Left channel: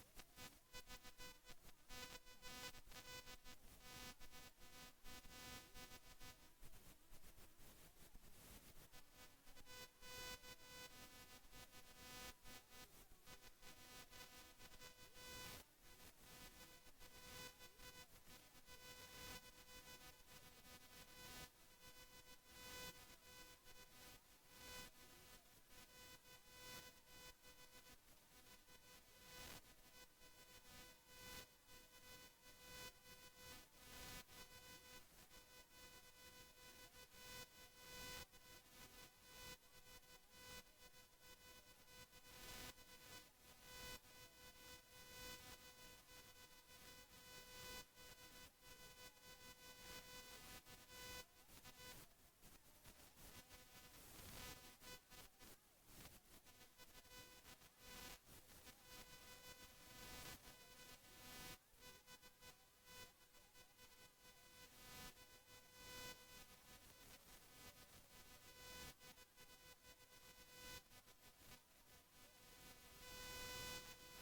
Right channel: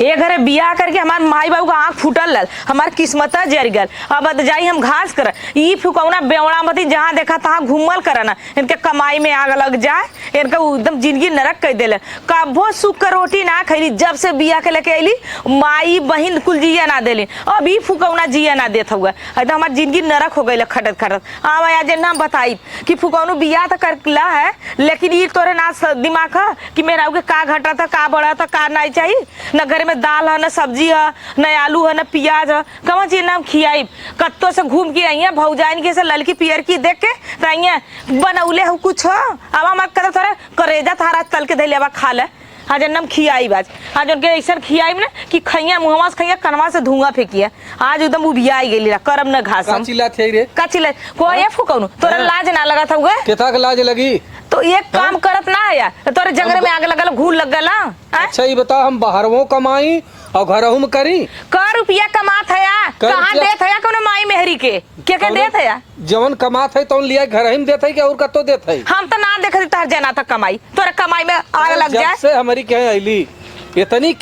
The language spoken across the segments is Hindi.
ए घरे बियाह करके हमार माई बाबू का आंख फूटल लल, हमार किस्मत जर गल। अब जाई हम घास कर ई फुकौना बेवड़ा मती जहाँ देखा तहाँ घूमल करना, इनके कमाई में आग लग जाए, इनका एकदम जिंदगी नरक कर देले। कबो सुख का रोटी ना खैली, जब से बियाह के लेके अली माई बहन कुल जिया ना देली, अब ई फुकौना जिया ना देत हुआ, एकदम हमार जिंदगी नरक हो गई खटत खटत। आज ना बताई कि फुकौनो बियाह तो करला है, लेकिन ई तोरे ना दिमाग है कि मेरा के का घटा था, का बढ़ा था, का नहीं चाहिए। न घर में दाल है, न सब्जी है, न आलू है, न प्याज है, कौन चीज नाम खियाई। कत्तो से घूम के आई है भौजाइन के से ललकी पियर की देख के तो बनौले हो कुछ हो। अब हमारे कदम थोड़े करेजा थारा तल के धैले अब खा ले। आज नम खियाई बाज, आज उनके ऐसा खियाई ना कि खैया मुहवा से खैया कनवा से धुआं फेंकिया। आज एकदम उबिया गेली करम न घास का चिल्ला थे रे, का चिल्ला कोई ये फुकौनु तोरा लाज ना लगा था उगे केता के लाज लगी। तो एक काम करत ना है यार, तोरे जंगल में आग लगल घूल लग गला। अच्छा ये बता, हम बाहरवो कमाई और घरहू में करी का रुपया कमात है यार, कहाँ देत है कोनो माई मेहरी के क्या देत है यार। जवन कमात है तो लिया घर ही में देत है कि और कतो देत है। हम तो ना देखत तार जना तक कमाई, तोरा कमाई में आग लग जाए। जब से हमारी क्या आईली इतनी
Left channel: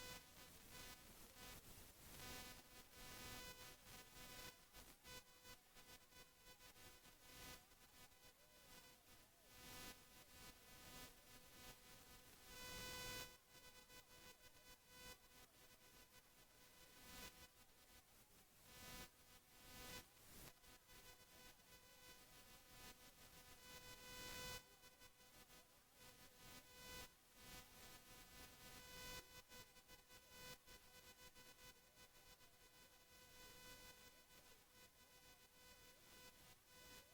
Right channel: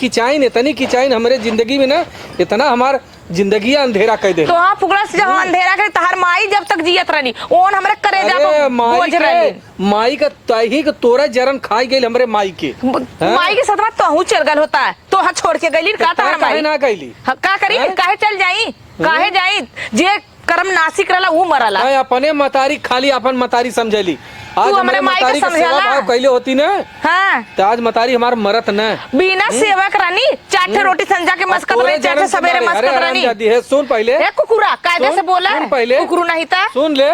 किचाइन हमारे जिंदगी में ना, इतना हमार जिंदगी अंधेरा कर दे। तो हाँ फुकड़ा से जब अंधेरा करे तहार माई जब तक जियत रहनी ओन हमरे करेजा पे बोझ रहनी। माई का तही के तोरा जरन खाई गई हमरे माई के, माई के साथ में तो चल गल होता है, तो हाथ छोड़ के गईली का तार माई ना गईली का करी, काहे चल जाई, काहे जाई। जे कर्म नासिक रहला वो मरला। अपने मतारी खाली अपन मतारी समझली। आज हमारे मतारी के सेवा भाव कैले होती ना, हाँ तो आज मतारी हमार मरत न बिना सेवा करानी। चाटे रोटी संजा के मस्कत रही, चाटे सवेरे मस्कत रानी। सुन पहले कुकुरा कायदे से बोला, कुकुरू नहीं था। सुन ले,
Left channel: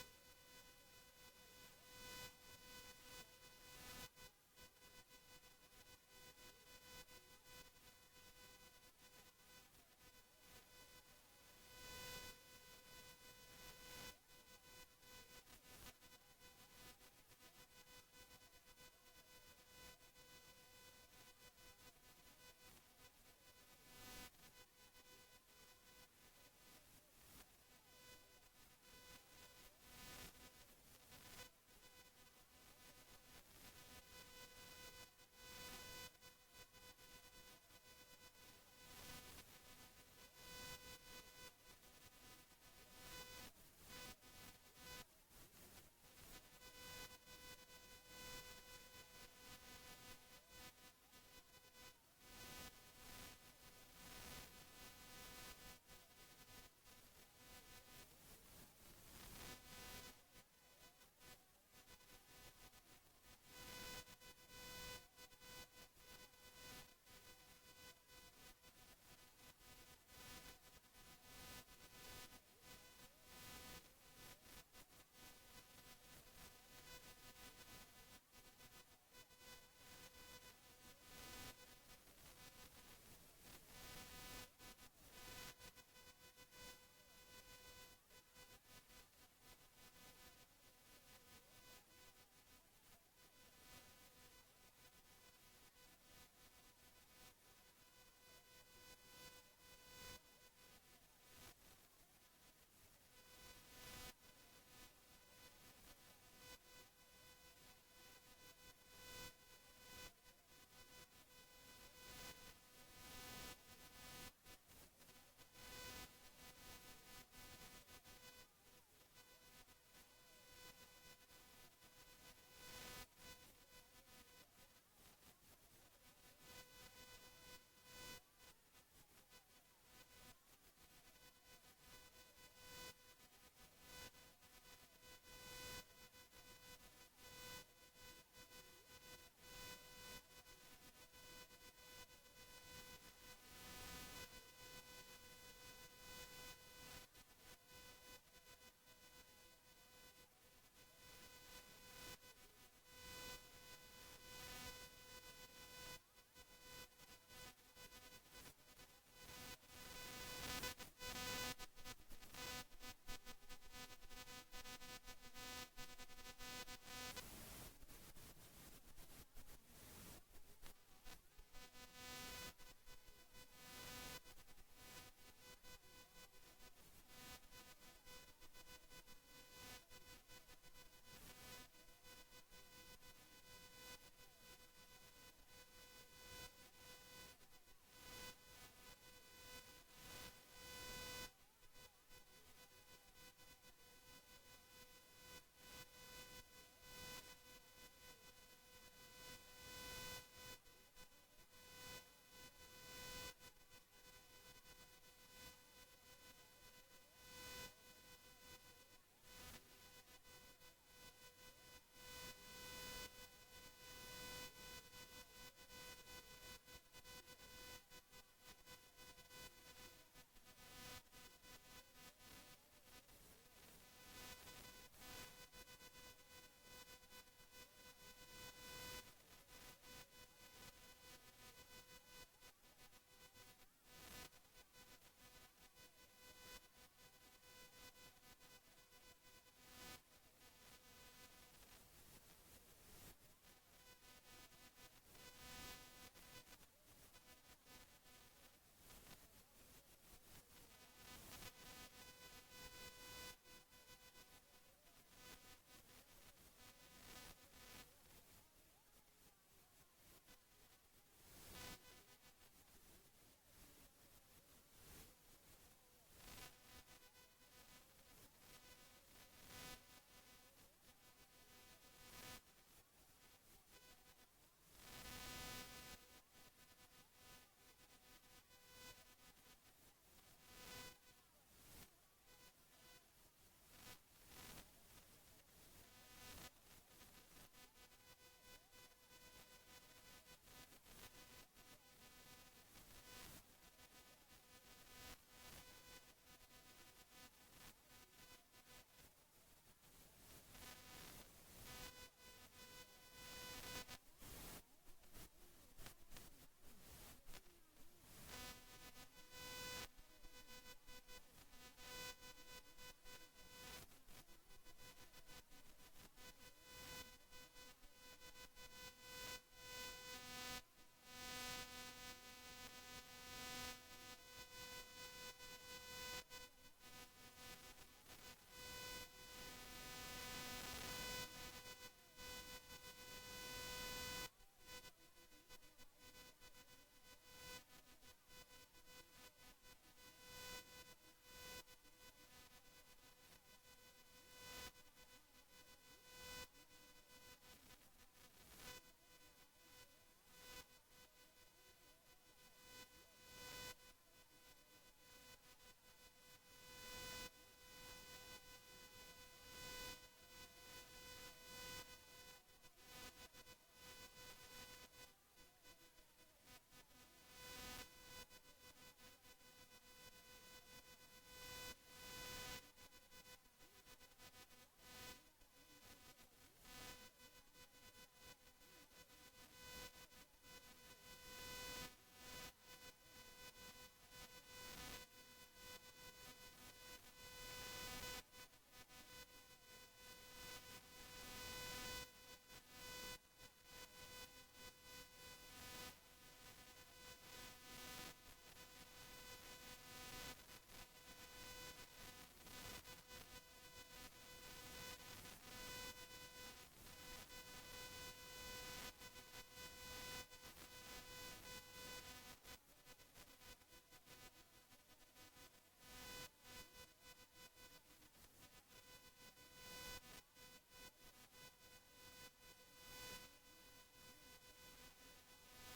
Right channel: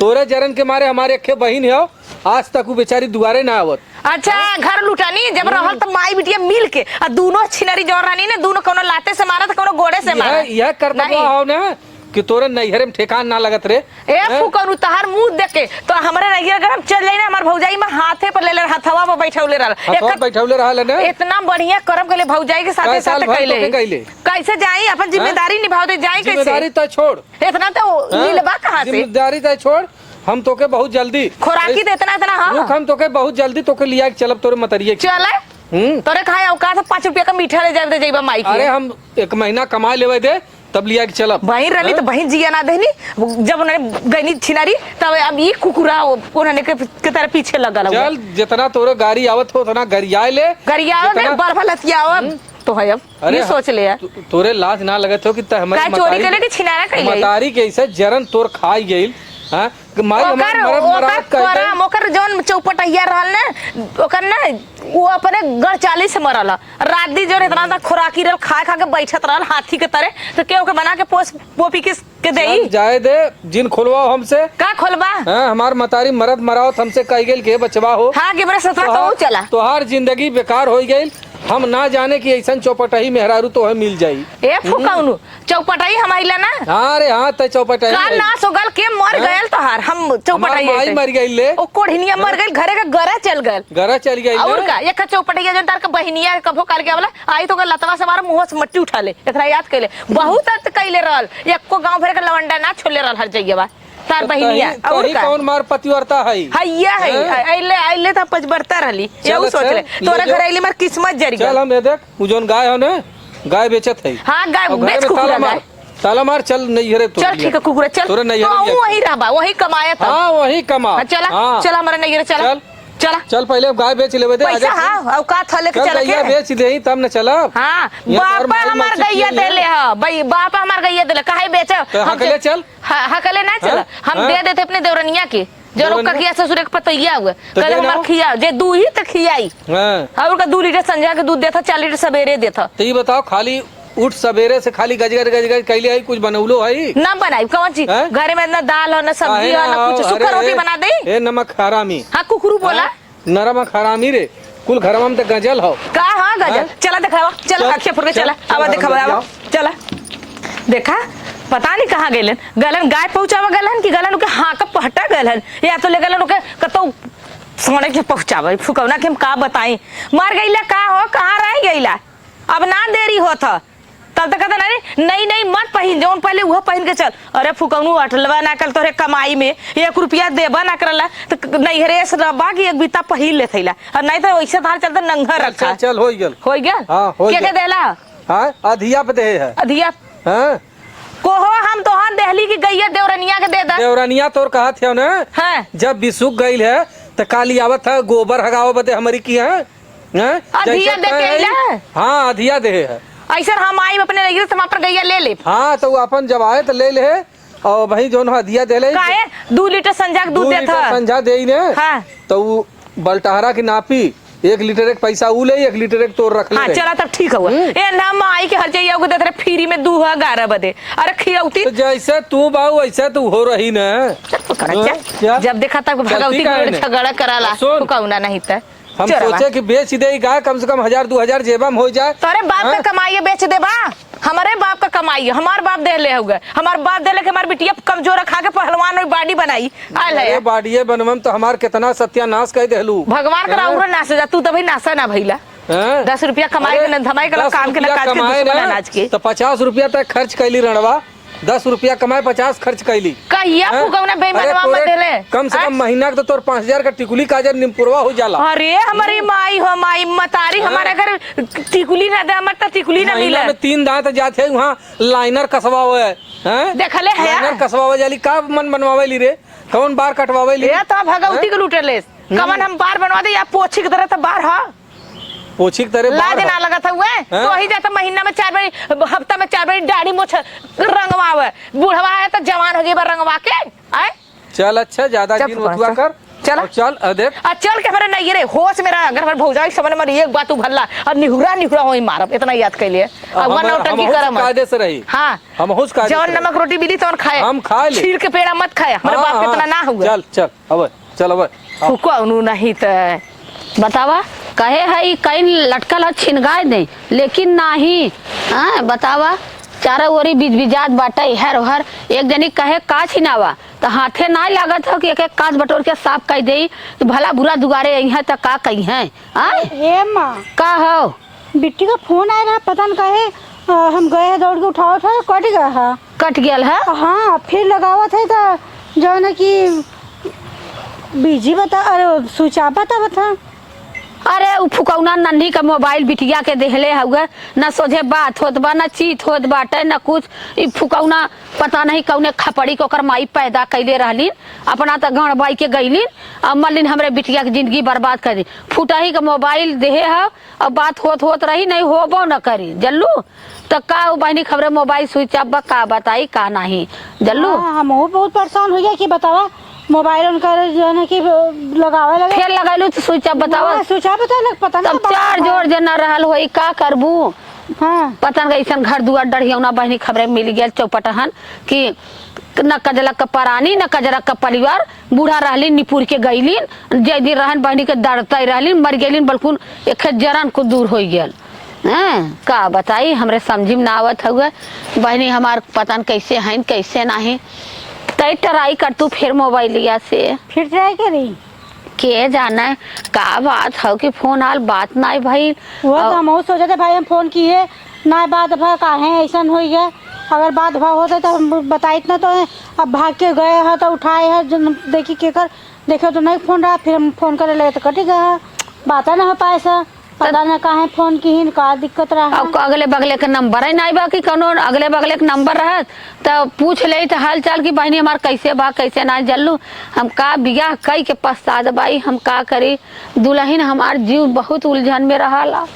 तोरे जरन के मारे हमारे अखे बहन है, आज तक वो बेचारी दुआरे ना आवत। अच्छा घर लुटानी जब रहल तो माई बिटिया मिल के और दोनों छिनरी जोर रानी ने, दोनों कोनो लाते से मारा तो कोनो गोड़े से मारा। यह करता हो ना कि तोरे नैहरे में ठेकान ना लगत रे। ए फुकरू तहार मुंह देख के तो हमरे नैहर अगर हम चल जाई ना, हमार भौजाई में हाथे पर ले हथवा पर बैठौले रहल ना। इतना बढ़िया करम कइले भौजाई के साथे साथ कइले। कैसे जाई अपन जिम्मेदारी निभावते जाई कैसे। जिम्मेदारी तो छोड़, इतना तो मिलबा कहां से। जिम्मेदारी तो छोड़, हम तोके बहुत जल्दी खोराकी दे इतना हां, हम तोके बहुत जल्दी तोके लिया के चलब तोरे मतरिए चला। तोरे खाए औकात 5 रुपया का मीठा ले जाए जइबा माई के। अरे हम 1 महीना कमा लेवे दे तब लिया के चलब। बहन रही तो बहन जिया ना देनी, जब उन्होंने गईनी छिनारी तब अब ये कुकुरा उन्होंने के तरह पीछे लगा। चल जितना तोरे गाड़ी आवत हो उतना गरिया ले, गरिया ने बर्फ लतियाओ तो है। अब ये सोच ले यार, तोरे लाज ना लगत हो कि हमारी चोरी करे कि छिनारा कइले मतारी के ऐसे जरन तोर खाई गइल। हां माई हमार मरद मरात कहते ओकर जौन चौपटैया रहल ना, ओकर ना वो अपने गढ़ 40 से मरल। रात दी जो इतना सा खुराकी रहल, खा खा के बैठत रहल हाथी के तरह, तो केहू के बना के पोस पोपी के देई जाए दे। जिन खोलवा हमसे का खोलबा। हां हमार मतारी मरद मरावत हमसे कह गेल के बचवा हो। हां के बरे सतवा तो चला तोहार जिंदगी बेकार हो गई। हम ना जाने की ऐसा चौपटाई मेहरारू तो है मिल जाई। ए फुकाउनु चौपटाई हमाइला ना। हां रे हां त चौपटाई का ना सोगल के मर गयल तोहार। हम चौपटाई माई मर गइल ले, ओ कोढ़िनिया मर गइल, घरे का गरा चल गइल और का एक चौपटाई जन तार का बहनिया कभो काल के वाला आई तो लतवा से मार मुंह से मट्टी उठा ले। एकरा याद कइले बहुत अर्थ कइले रहल, एको गांव भर के लवंडा ना छोले रहल हर जगह तार बहनिया। और का कौन मार पतिव्रता है हैया है आइले त पचबरता रहली। यहू सोच ले तोरा घर आइले मार किस्मत जरी गल। चल हम देख उ जोन गाय हो ना, गाय बेचत है। हां गाय बेच कुकुरा गाय ताला मार चल नैहरे तो चल ठीक है कुकुरा चल तोरे नैहरे वही रहबा वही कमाया था। हां वही कमा। चला चल हमारे नैहरे चल चला चल पहले गाय बेच लेबे दे। पैसा हां औकात हले के चल के बेच देही तब न चला। हां बापा हमार गैया देले ह भाई, बापा हमार गैया देले काहे बेच। हकले चल हकले ना चल, हम दे देते अपने देवरनिया के जो लोग का किया ससुर के पतैया हुआ कल हमार खिया जे दूध ही तक खियाई। हां और का 2 लीटर संझा के दूध देता, 4 लीटर सवेरे देता। तो ये बताओ खाली उठ सवेरे से खाली गजगर कैले है कुछ बनौलो है ना बनाई कौन चीज घरे में ना दाल हो ना सब्जी हो ना कुछ, सूखा रोटी बना दे। ए नमक हरामी। हां कुकुरू बोला नरम हरामी रे, कुल घरवा में तो गजल हो का। हां गजल चला दिखावा, चल आंखें फुर के चला अब दिखावा चला। देखा पता नहीं कहाँ गलन गलन गाय पहुंचावा गलन कि गलन के हाँ का पहटा गलन या तो ले गलन के कतो सोने के पहुंचावे। फुकौना के हम का बताई मार गईला का हो कहाँ रह गईला। अब ना देरी होत त कल तक कहता नहीं नहीं मत पहन जौन पहले वह पहन के चल। अरे फुकौनू अटलवा ना कल तोरे कमाई में 1 रुपया देबा ना करला तो नैहरे से रबा की एक बीता पहिन ले थैला और नहीं तो वैसे तार चलता नंगा रखा। चल हो गया हाँ हो गया देला। हाँ अधिया पे दे है अधिया हाँ कोहो हम तो हाँ देहली की गैया देवरनिया के दे दा। देवरनिया तोर कहा थे ना हाँ जब बिसुक गई है तो काली आवत है गोबर हगाओ बते हमारी की है अधिया दे के हाँ अधिया दे है ऐसा हम आई अपने नैहर से पर गैया ले ले। हाँ तो अपन जब आए तो ले ले और भाई जो अधिया दे ले 2 लीटर संजा दूध देता संजा दे ने हाँ। तो वो बलटहरा की नापी 1 लीटर एक पैसा ऊ ले 1 लीटर एक तोड़ रख ले। हाँ चला तब ठीक हुआ ए ना माई के हर चाहिए को देते फ्री में 2:11 बजे। अरे खियौती तो जैसे तू बाऊ ऐसे तू हो रही ना क्या जब देखा तब भगवती को झगड़ा कराला फुकौना नहीं था। हम सोचे कि बेच दे गाय कम से कम 1000-2000 जेबा में हो जाए। तोरे बाप का कमाई बेच दे बा हमारे बाप का कमाई हमार बाप दे ले हो गए हमार बाप दे ले के हमार बिटिया कमजोर खा के पहलवान और बाडी बनाई आल है बाडिये बनवम तो हमार कितना सत्यानाश कह देलू। भगवान का और नास जा तू तो भाई नासा ना भइला 10 रुपया कमाई के न धमाई के काम के न काज के दुश्मन अनाज के तो 50 रुपया तक खर्च कैली रणवा 10 रुपया कमाए 50 खर्च कैली कहिया फुकौना बेईमानवा मत देले। कम से कम महीना के तो तोर 5000 का टिकुली काजर निमपुरवा हो जाला। अरे हमारी माई हो माई मतारी हमारे घर टिकुली ना दे मत टिकुली ना मिले में 3 दांत जाते वहां लाइनर कसवावे हैं देखले है लाइनर कसवावे जाली का मन बनवावे ली रे कौन बार कटवावे ली ये तो भगवती के लूटेले कमन हम बार बनवा दे या पोछी की तरह तो बार हां पोछी की तरह ला देना लगा था हुए तो ही जाता महीना में 4 बार हफ्ता में 4 बार दाढ़ी मोछ रंगवावे बुढ़वा है तो जवान हो जेबा रंगवा के आए। चल अच्छा ज्यादा दिन उठवा कर चल देख चल के हमारे नहीं रे होश मेरा अगर हमारे भौजाई समझ में एक बात उभरला और निहुरा होई मारब इतना याद कर लिए अब वन नौटंकी करम कायदे से रही। हां हम होश कायदे जौन नमक रोटी मिली तो खाए हम खा ले छील के पेड़ा मत खाए हमारे बाप के इतना ना हुआ। चल अब फुकौनू नहीं तो बतावा कहे है कहीं लटकल छिनगाए दे लेकिन नहीं हाँ बतावा चारों ओरी बिजबिजात बाटे हर हर एक जनी कहे का छिनावा तो हाथे ना लागत हो कि एक कांच बटोर के साफ कर दे भला बुरा दुगारे आई है तो का कही है हे माँ का हो बिट्टी का फोन आया रहा पता न कहे हम गए हैं दौड़ के उठाओ था कट गया है कट गया है। हाँ फिर लगावा थे तो जो है कि बिजी बता अरे स्विच ऑफ बता अरे उ फुकौना नन्ही का मोबाइल बिटिया के देहले हुए न सोझे बात होत बा न चीत होत बाटे न कुछ इ फुकौना पता नहीं कौने खपड़ी को कर माई पैदा कैले रहलीन अपना तो गण बाई के गईलीन अब मलिन हमरे बिटिया की जिंदगी बर्बाद कर दी फुटाही का मोबाइल देहे है अब बात होत रही नहीं होबो न करी जल्लू तो का बहनी खबरे मोबाइल स्विच ऑफ का बताई का नहीं जल्लू। हम बहुत परेशान हो गया कि बतावा मोबाइल उनका जो है कि लगावे लगे फिर लगालू तो स्विच ऑफ बतावा स्विच ऑफ पता तब चार जोड़ जे न रहल होई का करबू। हाँ पता नहीं ऐसा घर दुआर डढ़ियौना बहनी खबरे मिल गया चौपटहन कि न कजला का परानी न कजरा का परिवार बूढ़ा रहलीन निपुर के गईलीन जे दिन रहन बहनी के दरते रहलीन मर गेलीन बल्कुन एक जरन को दूर हो गेल का बताई हमरे समझी में ना आवत हुए बहनी हमार पता न कैसे हैं कैसे नहीं तय ट्राई कर तू फिर मोबाइलिया से फिर ट्राई करी के जाना है का बात हो कि फोन आल बात ना भाई वो तो हम सोचे थे भाई हम फोन किए ना बात भा काहे ऐसा हो गया अगर बात भा होता तो हम बताई इतना तो अब भाग के गए है तो उठाए है देखी के कर देखे तो नहीं फोन रहा फिर हम फोन करे लगे तो कट गया बात ना हो पाए सर पता ना काहे फोन की का दिक्कत रहा अब अगले बगले के नंबर है नहीं बा कि कोनो अगले बगले के नंबर रहा तो पूछ ले तो हाल चाल की बहनी हमार कैसे बा कैसे ना जल्लू हम का बियाह कई के पश्चात बाई हम का करी दुल्हन हमार जीव बहुत उलझन में रहा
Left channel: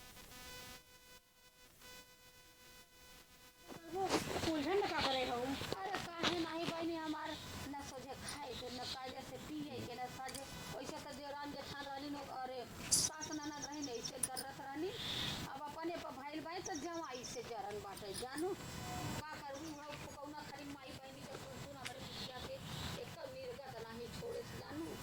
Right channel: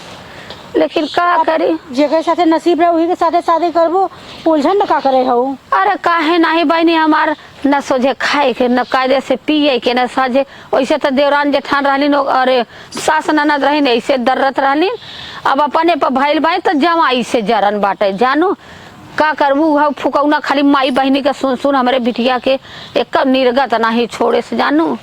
लेकिन का करी जेके साथे नसीब रहे वही के साथे शादी करबो उलझन का करे हो। अरे काहे नहीं बहनी हमार न सोझे खाए के न कायदे से पिए के न साझे वैसे तो देवरान जेठान रहलीन अरे सास ननद रहीन ऐसे दर्रत रहलीन अब अपने पर भइल बाई तो जमाई से जरन बाटे जानू का करबू फुकौना खाली माई बहनी के सुन सुन हमारे बिटिया के एक निर्गत नहीं छोड़े से जानू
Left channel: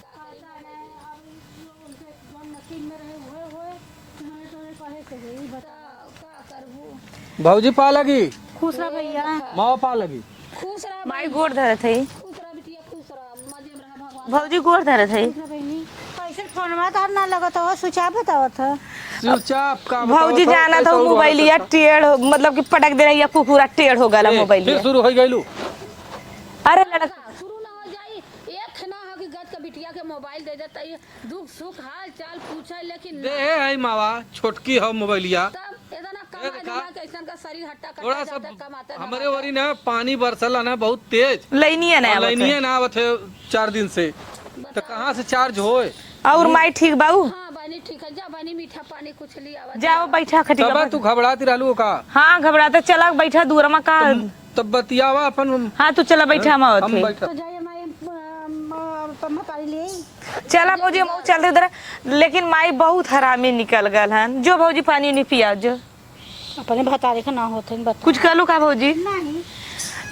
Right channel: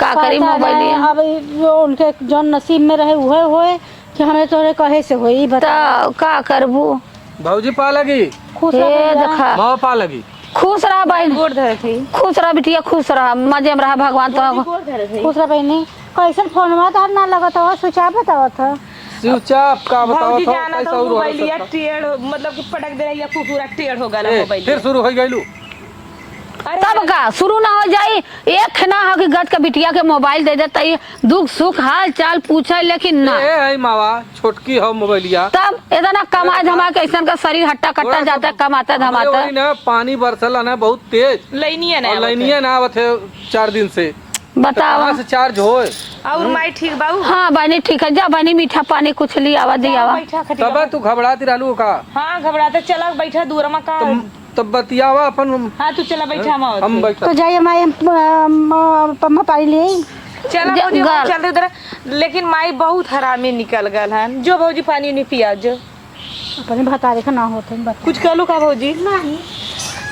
का करी मोबाइल अब जो उनके जो नसीब में रहे वह होए कि हमें तोरे कहे से होई बता का करबू भौजी पा लगी खुश देखा माँ पा लगी खुश रहा बहन गोड़ धरे थे खुश रहा बिटिया खुश रहा मजे में रहा भगवान गोड़ धरे थे खुश रहा बहनी कैसे फोन में तार ना लगत हो स्विच ऑफ बतावत है चुपचाप का बताओ भौजी जाना था मोबाइलिया टेढ़ मतलब कि पटक दे रही है पूरा टेढ़ हो गया मोबाइल फिर शुरू हो गइलू। अरे तब का शुरू ना हो जाई एक ना हो कि गद का बिटिया के मोबाइल दे देता है दुख सुख हाल चाल पूछे लेकिन ना ए है मावा छोटकी हो मोबाइलिया तब इतना कमा धमा के ऐसा का शरीर हट्टा कट्टा जाता है कमाता धमाता हमरे ओरी ना पानी बरसल है ना बहुत तेज लइनिए ना लाइनिया ना आवत है 4 दिन से। बताओ कहाँ से चार्ज होए? और माई ठीक बाऊ हाँ बहनी ठीक है जा बहनी मीठा पानी कुछ ली आवा दी जाओ आवा बैठा खटिया तब तू घबराती रहलू का? हाँ घबराता चला बैठा दूर में का तब बतियावा अपन। हाँ तू चला बैठा हम बैठा तो जाइए माई पम्मा पानी ले आई। चला जा- भौजी हम गा- चलते इधर लेकिन माई बहुत हरामी निकल गल हन जो भौजी पानी नहीं पिया जो अपने भतारे का ना होते बता। कुछ कहलू का भौजी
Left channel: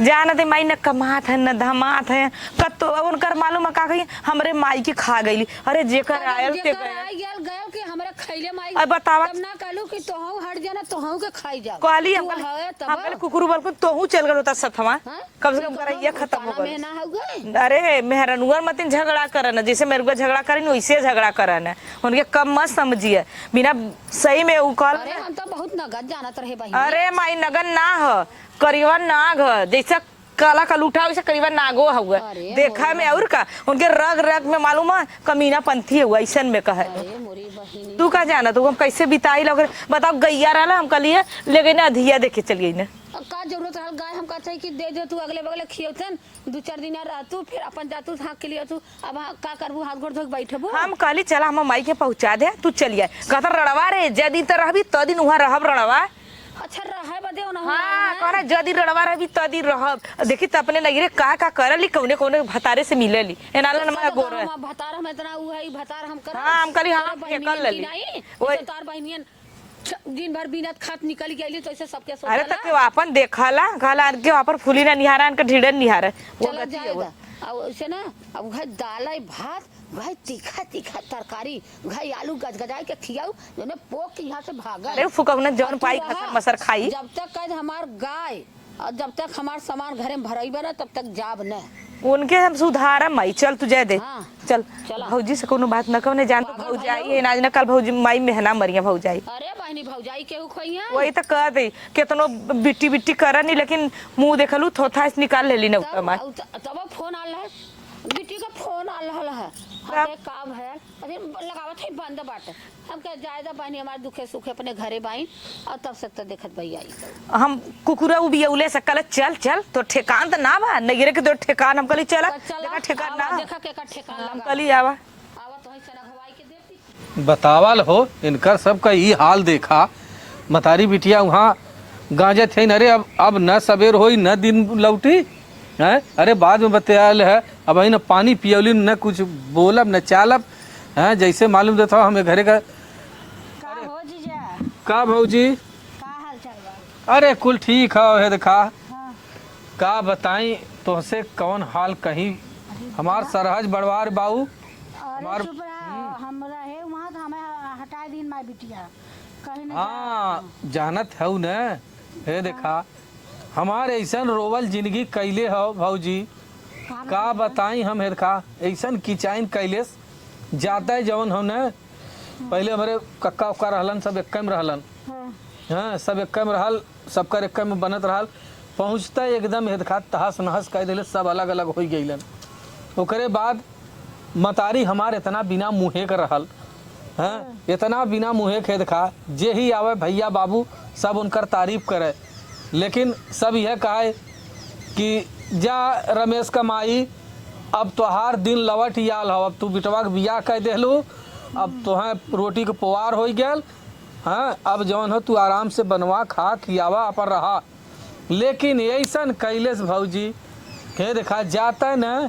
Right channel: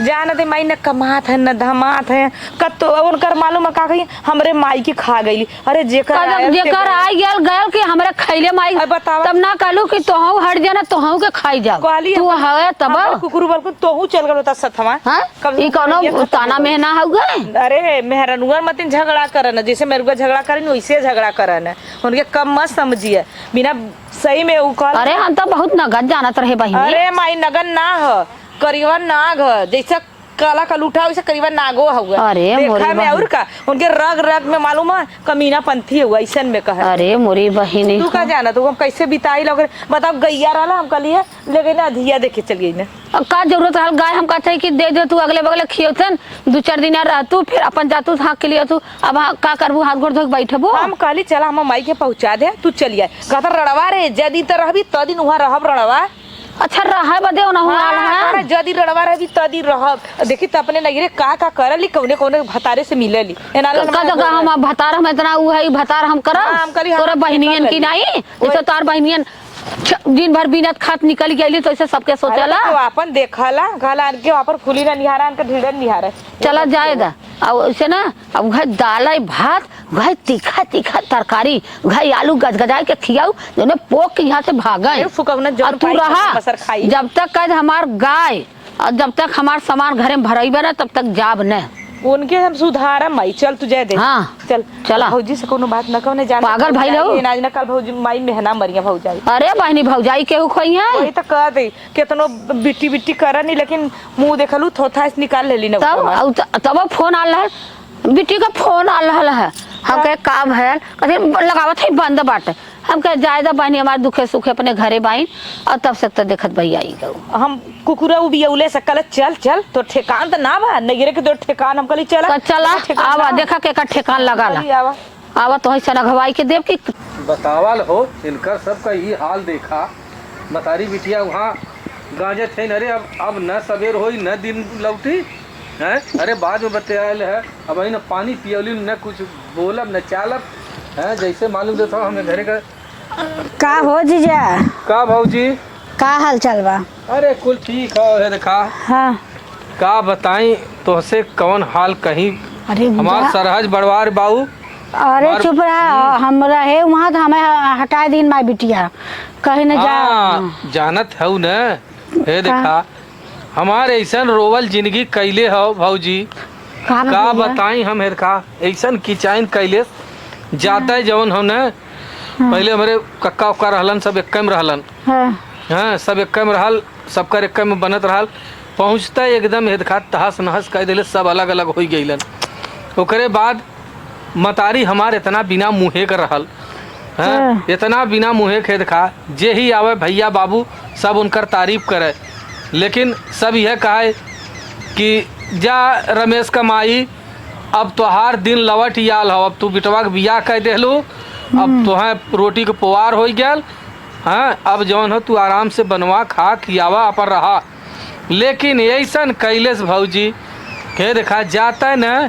जाना थे माई न कमात है न धमात है कतो उनकर मालूम है का कही हमरे माई की खा गईली अरे जेकर आयल ते- जेकर आई गल गल कि हमरे खैले माई अरे बतावा। तब ना कहलू कि तोहू हट जाना तोहू के खाई जा कहली तू है तब कुकुर बल तोहू चल गल होता सथवा हां कम से ई कम कोनो ये खत्म ताना हो गई। में ना होगा अरे मेहरनुआ मतिन झगड़ा करन जैसे मेरुआ झगड़ा करिन वैसे झगड़ा करन उनके कम मत समझिए बिना सही में उ कहल अरे हम तो बहुत नगद जानत रहे बहिनी अरे माई नगन ना ह करीबन नाग ह जैसे काला का लूठा वैसे करीबन नागो हुआ अरे मोरी देखा में बहन। और का उनके रग रग में मालूम है कमीना पंथी हुआ ऐसन में कहा अरे मोरी बहिनी तू का जाना तू हम कैसे बिताई लोग बताओ गैया रहला हम कलिए लेकिन ना अधिया देखे चल गई ना अब का जरूरत है गाय हम कहते कि दे दे तू अगले बगले खियोतन 2-4 दिन रह तू फिर अपन जातू हाँ के लिए तू अब हाँ का करबू हाथ गोड़ धो के बैठबू हम कहली चला हम माई के पहुंचा दे तू चलिए कहता रड़वा रे जदी तो रहबी त दिन वहां रहब रड़वा अच्छा रहा बदे ना हुआ अरे जदी रड़वा रहबी त दिन रहब देखी त अपने नगरे का करली कौने कौने भतारे से मिलली एनाला का हम भतार हम इतना उ है भतार हम करब हाँ, हम कहली हम तोरा बहनियन देखा की करी। नहीं जैसे तार बहनियन दिन भर बिना खात निकल गई तो ऐसे सबके सोचला अपन देखला कहला के वापर फूली ना निहारा इनका ढीडन निहारा चला जाएगा अब ऐसे ना अब घर दाल भात घर तीखा तीखा तरकारी घर आलू गजगजाए के खियाऊ जो पोक के यहाँ से भागा अरे फुकौना जब अब तू पाई रहा मसर खाई। जब तक कद हमार गाय और जब तक हमार सामान घरे में भरइबे ना तब तक जाब न उनके हम सुधारा माई चल तू जाए दे हाँ, चल चला। भौजी से कोनो बात ना कहने जान पागल भाई रहो। आज ना कल भौजी माई मेहना मरिया भौजाई अरे बहनी भौजाई केहू खोई है वही तो कह दे केतनो बिट्टी बिट्टी करा नहीं लेकिन मुंह देखलू थोथा से निकाल लेली ना तब तब फोन आ रहा है बिट्टी का फोन आ रहा है हम कहे काम है कहते लगावत है बंद बाटे हम कहे जायदा बहनी हमारे दुखे सुखे अपने घरे बाइन और तब से तो देखत भैया आई गऊ हम कुकुरा उबियौले से कल चल चल तो ठेकान तो ना बा नगरे के तो ठेकान हम कली चल चला आवा देखा के ठेकान लगा ला आवा आवा तो ही सनघवाई के देव की बतावल हो इनका सबका ये हाल देखा मतारी बिटिया वहाँ गांजे थे न। अरे अब न सवेर होई न दिन लौटी है। अरे बाद में बतायल है अब न पानी पियौली न कुछ बोलब न चालब है। जैसे मालूम देता हमें घरे का का हो जीजा का भौजी का हाल चाल बा। अरे कुल ठीक है देखा हाँ का बताई तुहसे कौन हाल कहीं अरे हमार जीजा, सरहज बड़वार बाबू अरे चुप रहा हम रहे वहाँ तो हमें हटा दिन माई बिटिया कहीं न जा। हाँ, जानत है न हे देखा हमारे ऐसा रोवल जिंदगी कैले हो भौजी का का बताई हम हेर का ऐसा किचाइन कैले जाता है जवन हम न पहले हमारे कक्का उक्का रहलन सब एक में रहलन हाँ हाँ सब एक में रहल सबकर एक में बनत रहल पहुँचता एकदम हेदखा तहस नहस कह दिले सब अलग अलग हो गईलन। ओकरे बाद मतारी हमार इतना बिना मुँहे कर रहल हाँ इतना बिना मुँहे खेद खा जे ही आवे भैया बाबू सब उनकर तारीफ करे लेकिन सब यह कहे कि जा रमेश कमाई अब तोहार दिन लवट याल हो अब तू बिटवा के बियाह कह देलू अब तोहें रोटी के पुआर हो गया हाँ अब जौन हो तू आराम से बनवा खा खियावा अपन रहा। लेकिन ऐसन कैलेस भौजी के देखा जाता है न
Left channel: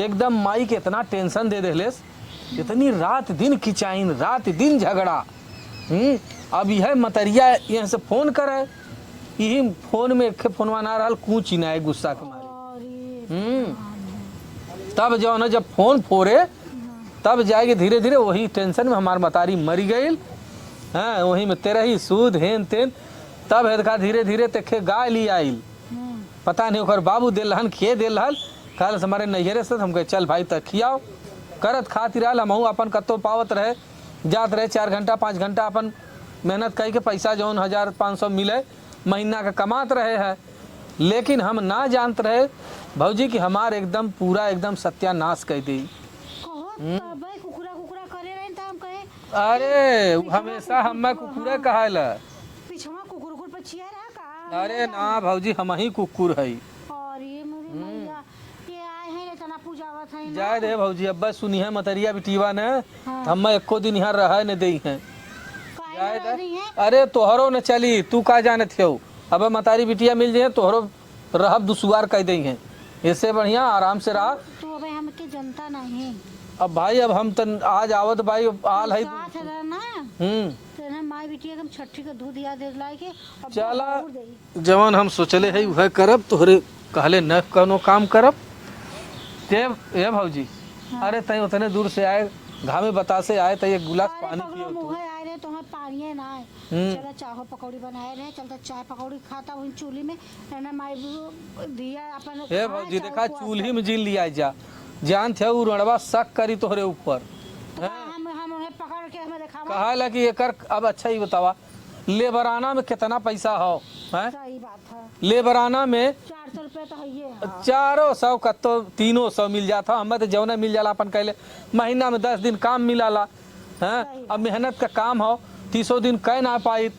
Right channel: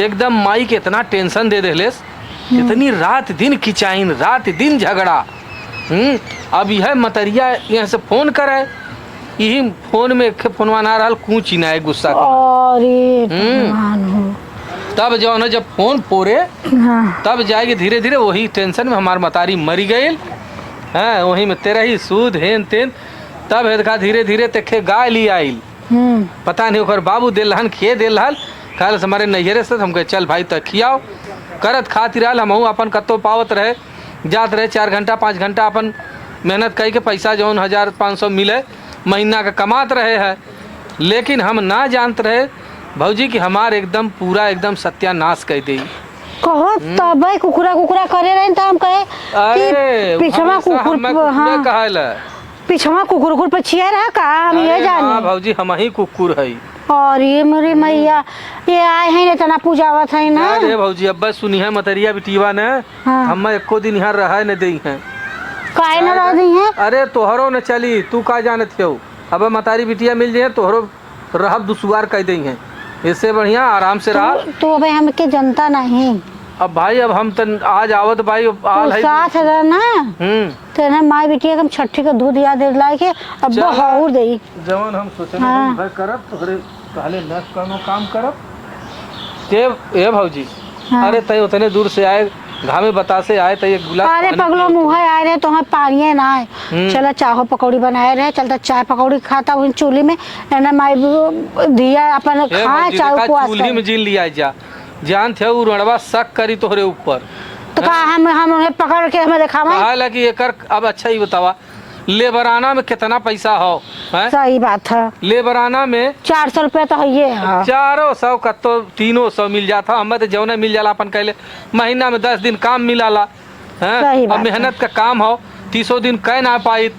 एकदम माई के इतना टेंशन दे देलेस इतनी रात दिन किचाइन रात दिन झगड़ा। अब यह मतरिया यहाँ से फोन करे यही फोन में फोनवा ना रहा कूची ना है गुस्सा के। अरे भगवान हो। तब जो है जब फोन पोरे हाँ तब जाएगी धीरे धीरे वही टेंशन में हमार मतारी मरी गई। हाँ वही में तेरा ही सूद हेन तेन तब देखा धीरे धीरे तेखे गाय ली आइल पता नहीं ओकर बाबू दिल हन खिए दिल हल खाल हमारे नैहरे से हम कहे चल भाई तक खियाओ करत खातिर रहल हम अपन कत्तो पावत रहे जात रहे 4 घंटा 5 घंटा अपन मेहनत कई के पैसा जौन 1500 मिले महीना का कमात रहे है। लेकिन हम ना जानते रहे भौजी कि हमार एकदम पूरा एकदम सत्यानाश कर दी। कहो तब कुकुरा कुकुरा करे रहे तो हम कहे अरे कि पिछवा कुकुर हाँ कहला पिछवा कुकुर कुकुर पे छिया रहा का हम ये जाने। भौजी हम ही कुकुर है। और ये मेरी मैया ये आए हैं इतना पूजावत है ना। अरे भौजी अब्बा सुनी है मतरिया बिटिवा ने हाँ। हम एको दिन यहाँ रह न दई हैं। काहे न रह दी है। अरे तोहरो न चली तू का जानत हो। अब मतारी बिटिया मिल जाए तोहरो रहब दुसुआर कह दी हैं। इससे बढ़िया आराम से रहा। तो भाई हमके जनता नहीं। अब भाई अब हम तन आज आवत भाई आल है 7,000 ना तो ना माई बिटिया हम छठी का दूध याद ला के अब बहुत दे जवान हम सोचले हाँ। है भाई करब तोहरे कहले न कोनो काम करब के ए भौजी। हाँ। अरे तई उतने दूर से आए घामे बतासे आए त ये गुलाब अरे पगलो मुँह आए रहे तो हम पानी ना आए चलो चाहो पकौड़ी बनाए रहे चलता चाय पकौड़ी खाता वही चूल्ही में ना माई दिया अपन खाए चाय उपवास चूल्ही में जीन लिया जा जान थे उ रणवा शक करी तोहरे ऊपर तो का हम उन्हें पकड़ के हमें दिखावा। कहा कि एकर अब अच्छा ही बतावा लेबराना में कितना पैसा हो है? सही बात है। लेबराना में 400 रुपया तो है ये 400 का तो 300 मिल जाता। हमें तो जौने मिल जाला अपन कहले महीना में 10 दिन काम मिलाला है। सही अब बात मेहनत का काम हो 300 दिन कह ना पाई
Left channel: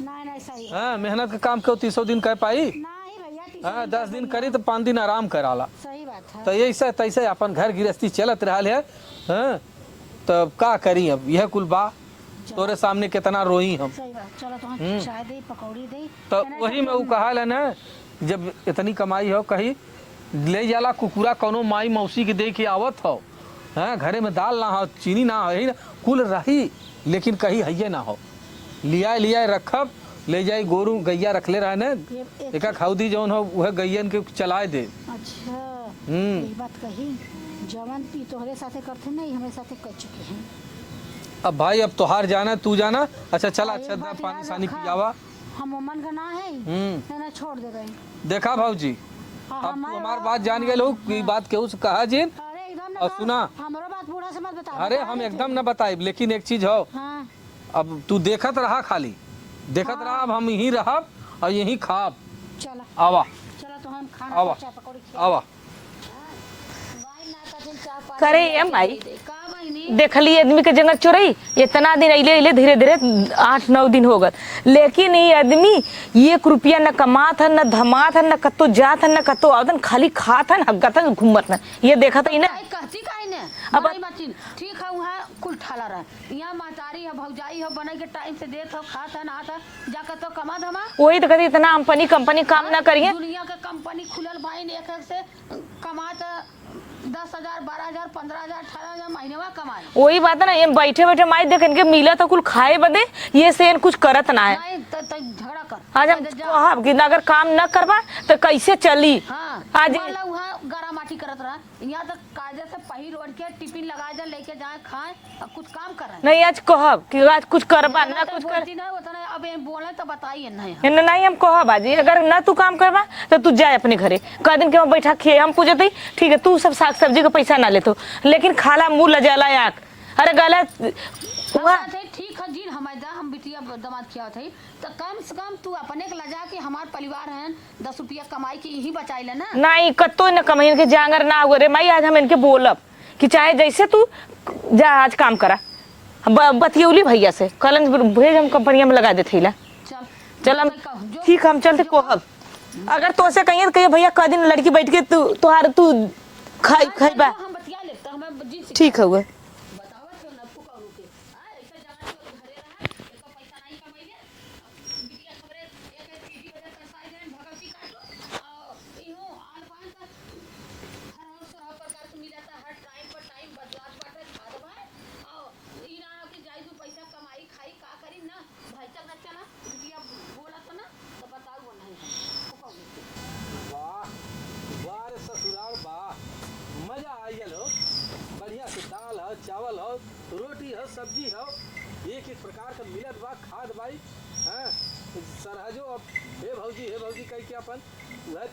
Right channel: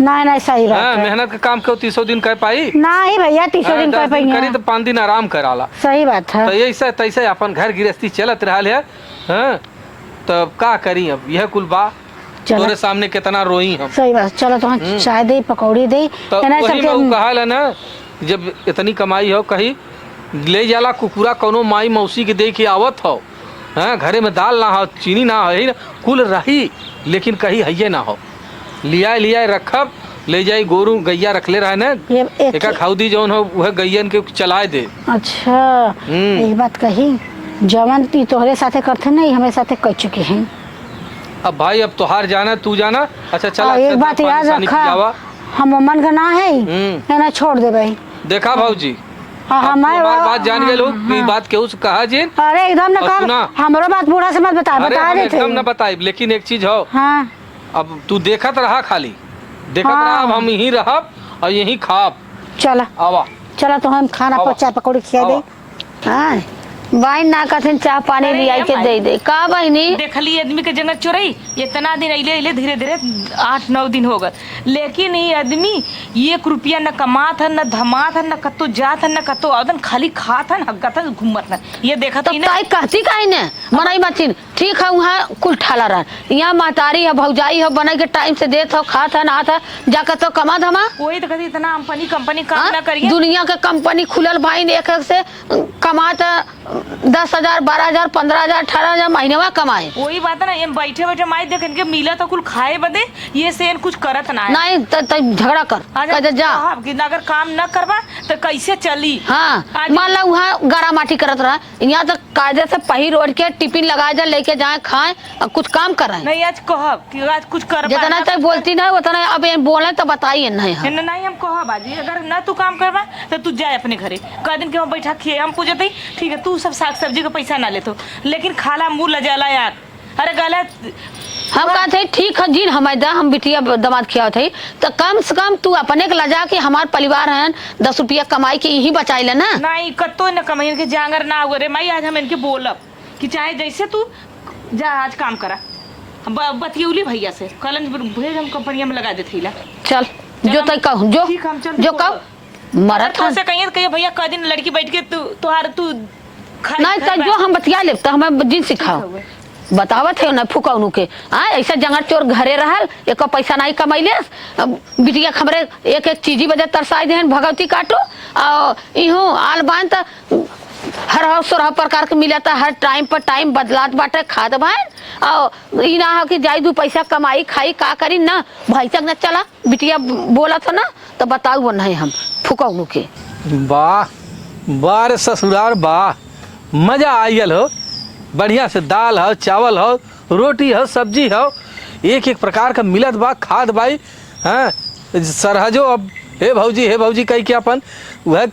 नहीं सही बात है। है। मेहनत का काम क्यों 300 दिन कह पाई नहीं भैया 300 दिन कर पाई करी तो 5 दिन आराम कराला। सही बात है। तो ऐसे तैसे अपन घर गृहस्थी चलत रहा है हैं? तो का करी अब यह कुल बा तोरे सामने कितना रोई हम। सही बात चलो तो हम चाय दे पकौड़ी दे तो वही में कहल है ना जब इतनी कमाई हो कहीं ले जाला कुकुरा कोनो माई मौसी के दे के आवत हो हैं घरे में दाल ना हो चीनी ना हो कुल रही लेकिन कहीं है ना हो लिया रखब ले जाई गोरू गैया रखले रहे ना एक खाउदी जौन हो वह गैयन के चलाए दे। अच्छा एक बात कही जवन ती तोहरे साथे करते नहीं हमें साथे कर चुके हैं। अब भाई अब तोहार जाना तू जाना अच्छा चल एक बात याद रखा हम मन का ना है ना छोड़ दे भाई। देखा भाऊजी हमारे बात जान गए लोग बात केहू से कहा जी। अरे एकदम ना कर हमारो बात बूढ़ा से मत बता दे एकदम ना बताई लेकिन एक चीज हो हाँ अब तू देखत रहा खाली देखत रहा अब हम यहीं रहब और यहीं खाब। चला आवा चला तो हम खाना चाय पकौड़ी खिया दे। हाँ बाइन ना कथिन चाह पानी लिया के दे दे का बहनी देखली आदमी के जंगल चोरई इतना दिन अइले धीरे धीरे 8-9 दिन हो गए लेकिन ये आदमी 1 रुपया न कमात है न धमात है न कतो जात है न कतो आवतन खाली खात है हगत है घूमत है ये देखा तो काई कहती काई ने मनाई मचिन ठीक है वहाँ कुल ठाला रहा यहाँ महतारी है भौजाई है बना के टाइम से देत हो खात है नात है जाकर तो कमा धमा वही तो कहती इतना कंपनी काम ना करिए दुनिया के कंपनी खुलल भाई एक से कमात 10,000 12,000 15,000 18,000 महीने में कमाए। वही बात है ना ये बैठे बैठे माई देख इनके मिला तो कुल खाए बदे ये से कुछ करत ना है। नहीं तो झगड़ा कर अगर जा अगर काम न करवा तो कैसे चली। हाँ मान ला वहाँ गारा माटी करत रहा यहाँ तक कायदे से पहिर ओढ़ के टिफिन लगा जा लेके जाए खाए कुछ काम कर रहे नहीं आज कहब कि आज कुछ कर जितना तक बोलती ना उतना अब बोले तो बताइए नहीं हम कहब बाजी अगर न तू काम करवा तो तू जाए अपने घरे कह दिन के हम बैठा खिए हम पूछते ठीक है तू सब साग सब्जी का पैसा ना लेतो लेकिन खाला मुँह लजाला यार। अरे गलत हम कहते ठीक है जी हमारे हम बिटिया दामाद खिया थे तो कम से कम तू अपने के लजा के हमारे परिवार है 10 रुपया कमाई के यही बचाई ले ना नहीं कतो न कमाई के जांगर ना हो रे माई आज हम इनके बोलब कि चाहे जैसे तू जा आज काम करा बतियोली भैया से कल भेज हम कंपनी में लगा देते चल जो तक कहूँ जो ठीक हम चल जो कब मगर तो से कहिए भैया क दिन लड़की बैठ के तू नहीं तो जो हम बतिया ले तो हमें जिन सिखाओ बतावत है ना फुकौनू के ऐसा जंगल चोर घरे रहल एक पैसा नहीं कमैले बिटिया खबरे एक चीजी बजे तरसाई दे भगवती काटो और इहो आल बान तो हर 16 प्रकार के मिला था हर टाइम पर टाइम बदलात बाटे खाद भाई और ई ना हो कि जाई 2 पैसा कमाई खाई का करी ना भाई तक न चला बिटिया बोला था ना तो बताऊ वो नहीं हम फुकौनू के वाह बार ससुराल वाह मजा आयल हो बढ़िया से दाल हो चावल हो रोटी हो सब्जी हो एक प्रकार का मिलत बा खाद बाई हाँ सरहजो अब हे भौजी कही के अपन वह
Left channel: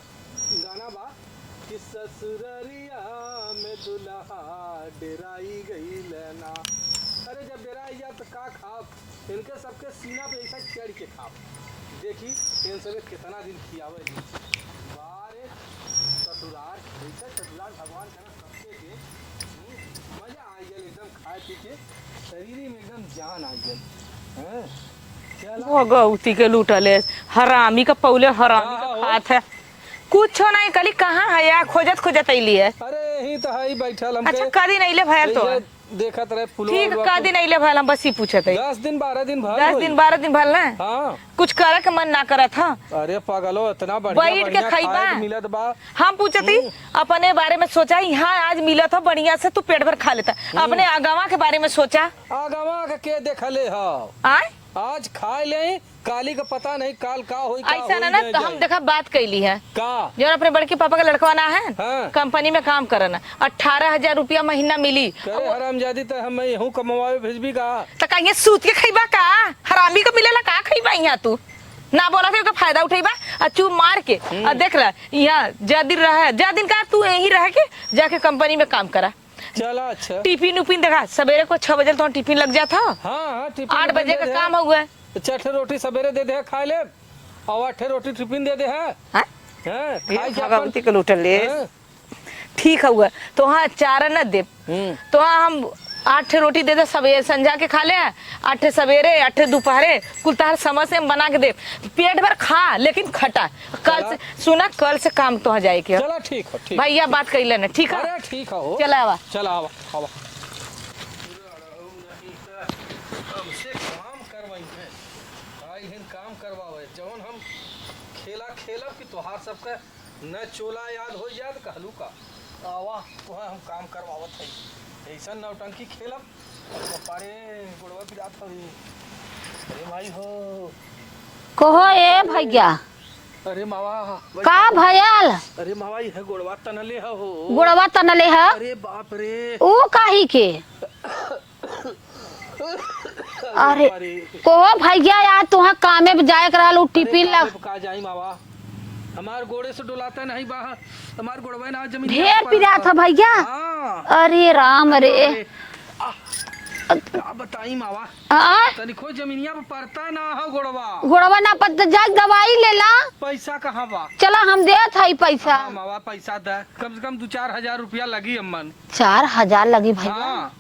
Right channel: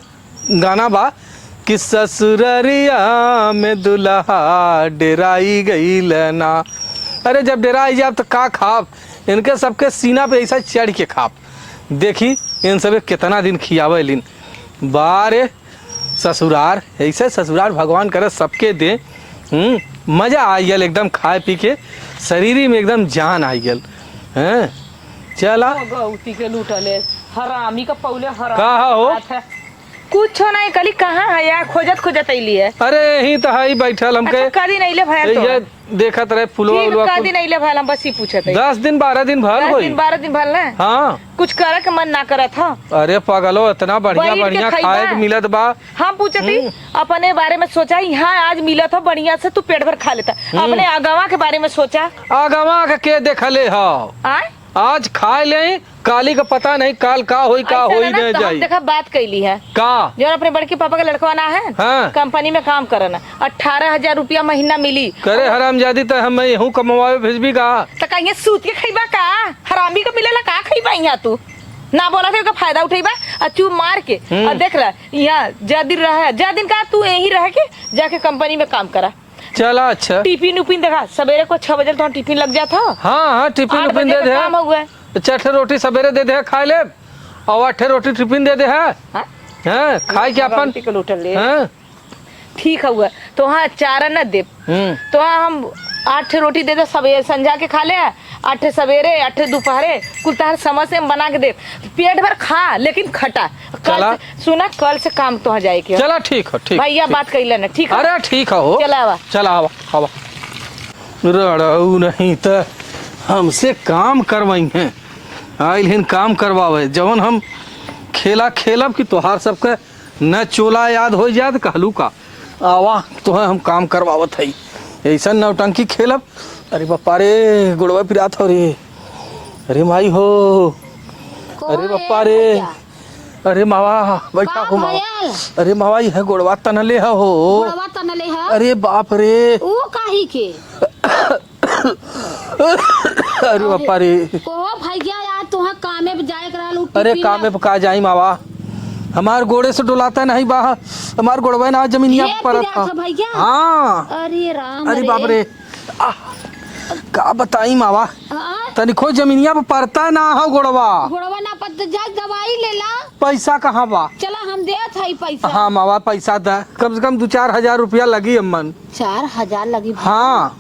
गाना बा कि ससुररिया में दुल्हा डेराई गई ना अरे जब डेरा आई जाब तो का खाब, इनके सबके सीना पे ऐसा चढ़ के खाब। देखी इन सबे कितना दिन खियावे लिन। बारे ससुरार ऐसे ससुरार भगवान करे सबके दे। मजा आई गल एकदम खाए पी के, शरीर में एकदम जान आई गल। हैं चला गौती के लूटले हरामी का पौले हराम कहाँ हो? बात है कुछ नहीं कली कहाँ है यार, खोजत खोजत अइली है। अरे यही तो है बैठल हमके। अच्छा का दिन अइले भाई तो ये देखत रहे फुलवा उलवा का को। दिन अइले भाई हम बस ही पूछत है। 10 दिन 12 दिन भर 10 होई। दिन 12 दिन भर ना हाँ कुछ करे के मन ना करत था। अरे पागलो इतना बढ़िया बैठ के बढ़िया खइबा। खाए के मिलत बा। हम पूछते अपने बारे में सोचा यहाँ आज मिला था बढ़िया से तू पेट भर खा लेता। अपने आगवा के बारे में सोचा आगवा के देखले हो आय आज खाए ले, काली का पता नहीं काल का होई का ऐसा होई ना नहीं तो हम जाई। देखा बात कैली है का जो अपने बड़के पापा का लड़का ना है हाँ। कंपनी में काम करना 18,000 रुपया महीना मिली। करे हरामजादी तो हम यहूं कमवावे भेजबी का। तो कहीं सूत के खइबा का हरामी का मिलेला का खइबा यहाँ तू ना बोला थे का फायदा उठेबा और चूप मार के और देख रहा यहाँ ज्यादा दिन रहा ज्यादा दिन का तू यही रह के जाके कंपनी में काम करा। चला अच्छा। टिफिन उपिन देखा सवेरे को 6 बजे तो टिफिन लग जाता हाँ टिफिन 8 उपिन बजे दे का दे। काम हुआ है। 6 रोटी सवेरे दे दे खाए ले और 8 रोटी टिफिन दे दे है। हाँ? हैं खाए के अपन हैं? ठीक हुआ तो हाँ 4 न दे तो हाँ हम 8 रोटी दे दे सवेरे संझा के खा ले 8 सवेरे 8 दोपहरे कुल तार समझ से बना के दे पेट भर खा लेकिन खटा। चला। सुना कल से काम तो हो जाएगी। चला ठीक हो ठीक। भैया बात कर लेना ठीक है। अरे ठीक हो चला आवा। चला आवा आवा। रड़ऊ नहीं तो हमसे काम करवाई हैं आइल हिन काम करवावे जवन हम खेला खेलब कि तोहार सबके न चोला याद हो जात कहलू का आवा तो हम काम करवावत है ऐसा नौटंकी खेलब। अरे बापा रे गुड़वा पिरात हो रे। अरे माई हो कहो अरे ए बापा रे। भैया अरे मावा बैठा का हो मावा। भयल अरे मावा यह गुड़वा तनले हो। गोड़वा तनले है अरे बाप रे। ऊ काहे के अरे बापा रे। कहो भैया यार तुहा कामे पे जाए करा लो अरे टिफिन कामे पे का जाई मावा हमार गोड़े से डुलाता नहीं बा। हमार गोड़वा ना जमीनिया ढेर पर पिरात था भैया। हाँ अरे राम अरे बाप रे रे। आह, का बताई मावा आ, तनिको जमीनिया पे पड़ता ना हो गोड़वा। गोड़वा ना पत जा दवाई ले ला पैसा कहाँ बा। चला हम दे थाई पैसा हाँ मावा पैसा दा कम से कम 2-4 हजार रुपया लगी अम्मन। 4,000 लगी भाई हाँ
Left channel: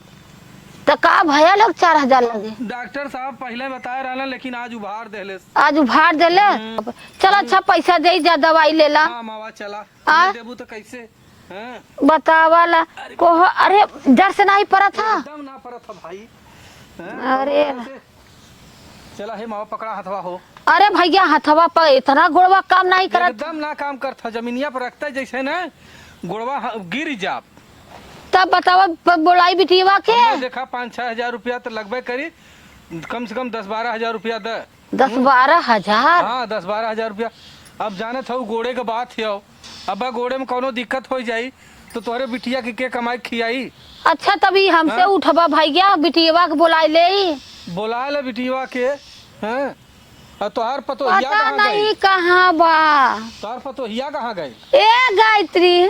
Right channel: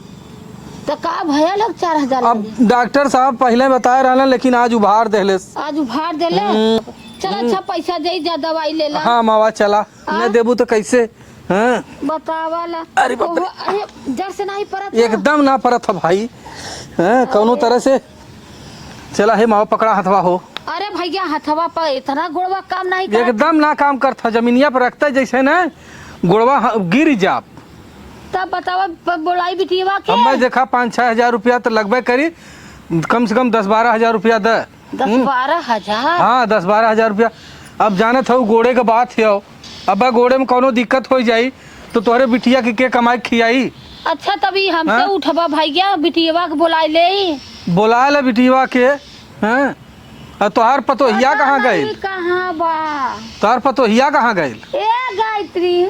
तो का भैया लोग 4,000 अब लगे डॉक्टर साहब पहले बताए रहना लेकिन आज उभार देले। आज उभार दे ले चल अच्छा पैसा दे जा दवाई ले ला हाँ मावा चला आ? न देबू तो कैसे। हाँ बतावाला अरे बाप रे। अरे डर से नहीं पड़ा था एकदम ना परत था भाई। हाँ कौनो तरह से चला है मावा पकड़ा हथवा हो। अरे भैया हथवा पर इतना गोड़वा काम नहीं कर एकदम ना काम करता जमीनिया पर रखता है जैसे ना गुड़वा गिर जाप। तब बतावा बोलाई बिटिया के अब मैं देखा 5-6 हजार रुपया तो लगभग करी कम से कम 10-12 हजार रुपया दे। 10-12 हजार हाँ 10-12 हजार रुपया। अब जाने था गोड़े के बात है अब गोड़े में कोनो दिक्कत हो जाई तो तोहरे बिटिया के कमाई खियाई। अच्छा तभी हमसे हाँ? उठवा भैया बिटिया के बोलाई ले बोला ले बिटिया के। हाँ और तोहार पतोहिया पता कहाँ नहीं गई। कहाँ बा तोहार पतोहिया कहाँ गई। ए गायत्री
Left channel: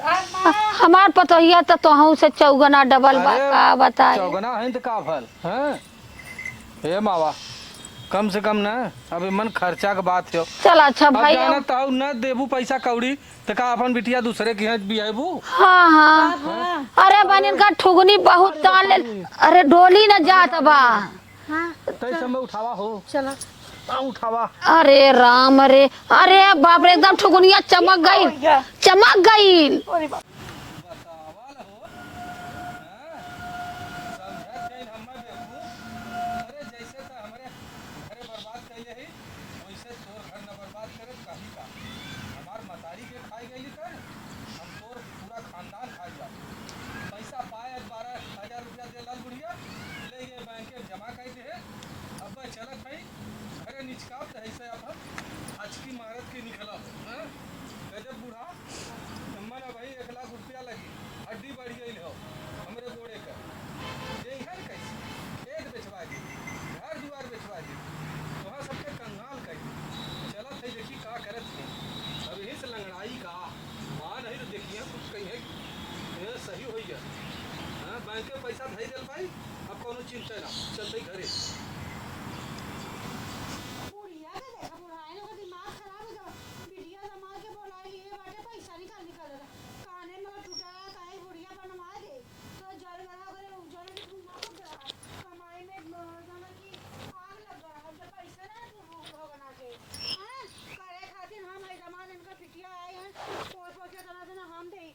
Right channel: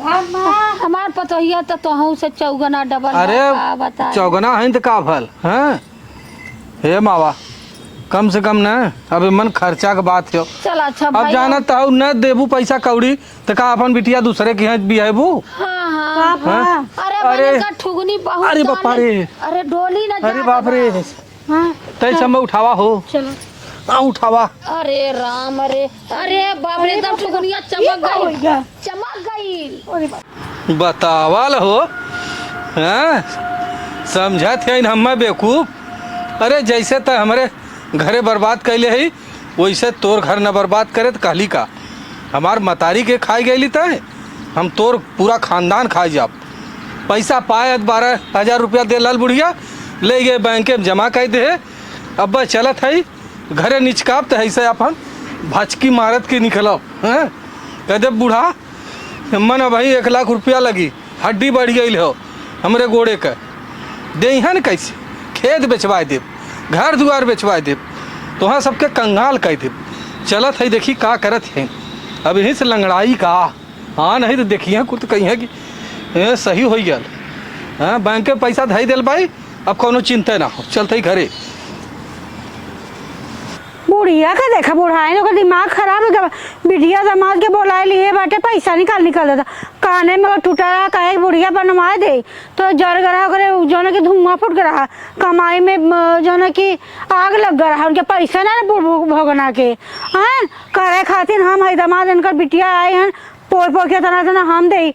हमार पतोहिया तो तोहू से चौगना डबल बा, का अरे बता चौगना है तो का भल। हाँ हे मावा कम से कम ना अभी मन खर्चा के बात है। चल अच्छा अब भैया जाना तो न देबू पैसा कौड़ी तो का अपन बिटिया दूसरे के यहाँ बिहेबू। हाँ हाँ हाँ? अरे अरे बने का ठुगनी बहुत अरे बाप डाले। रे। अरे डोली न अरे जात बाप बा रे हाँ तै समय उठावा हो। चलो हाँ उठावा। अरे राम अरे बाप रे एकदम ठुगनिया चमक गई चमक गई बतावाल हो। हाँ समझा थे हम बेवकूफ। अरे जैसे तो हमारे घरे बर्बाद कैले है वैसे तोर घर न बर्बाद करे तो कहली का हमार मतारी के खाई गई तय हम तोर पूरा खानदान खाई जाब। पैसा पाए 12 हजार रुपया दे लाल बुढ़िया ले गए बैंक में जमा कर दे। अब चलत है घरे निचकाब तो ऐसे अपन भचकी मारत के निकलो। हाँ कहते बूढ़ा मन भाई 1 लाख रुपया लगी हड्डी बढ़ गई हो हमरे गोड़े का दे न कैसे खेत बेचवा दे घर दुआर बेचवा दे तो हाँ सबके कंगाल कह दे। चलत है देखी का करत है अब यहीं से लंगड़ाई का। हाँ नहीं तो देखिए कुछ कहीं है कि सही हो गया। हाँ बैंक के पैसा धई दिल भाई अब कोनो चिंता ना हो, चलते ही घरे। बुढ़िया का देखा बुढ़ाई ने दिमाग खराब है क्या? बिटिया दामाद के बोला लिए बाटे पैसा निकाल देता काने में वो टूटा रहा कहे बुढ़िया बनवा दे तो जर गरा करे जो ना कि धुआं फुट के रहा कमाई में जो ना कि आग लग गया रहा उनके पैसा ना भोगना के हैं करे खातिर हम है दामाद इनका बिटिया आए हैं पोर पोर के तना हम दे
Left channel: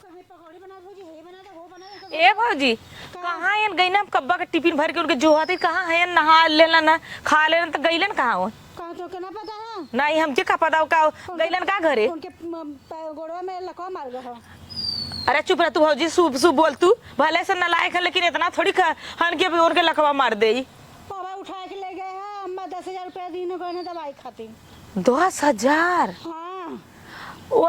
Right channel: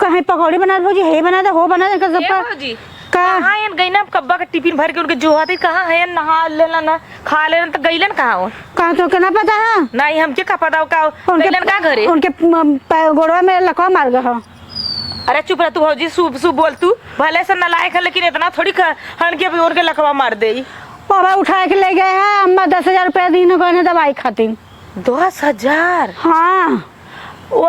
कहीं पकौड़ी बना दो जी हे बना दे हो बना दे कहाँ है गई ना कब्बा के टिफिन भर के उनके जुहाती कहाँ है नहा लेना ना खा लेना तो गईलन कहाँ हो कहाँ तो क्या पता है नहीं हमके का पता का गईलन का घरे उनके गोड़वा में लकवा मार गया। अरे चुप रह तू भौजी शुभ शुभ बोल तू भले से नलायक है लेकिन इतना थोड़ी हन के और के लकवा मार दे बाबा उठा के ले गए हैं अम्मा 10,000 रुपया दिन गए दवाई खातिर 10,000 हाँ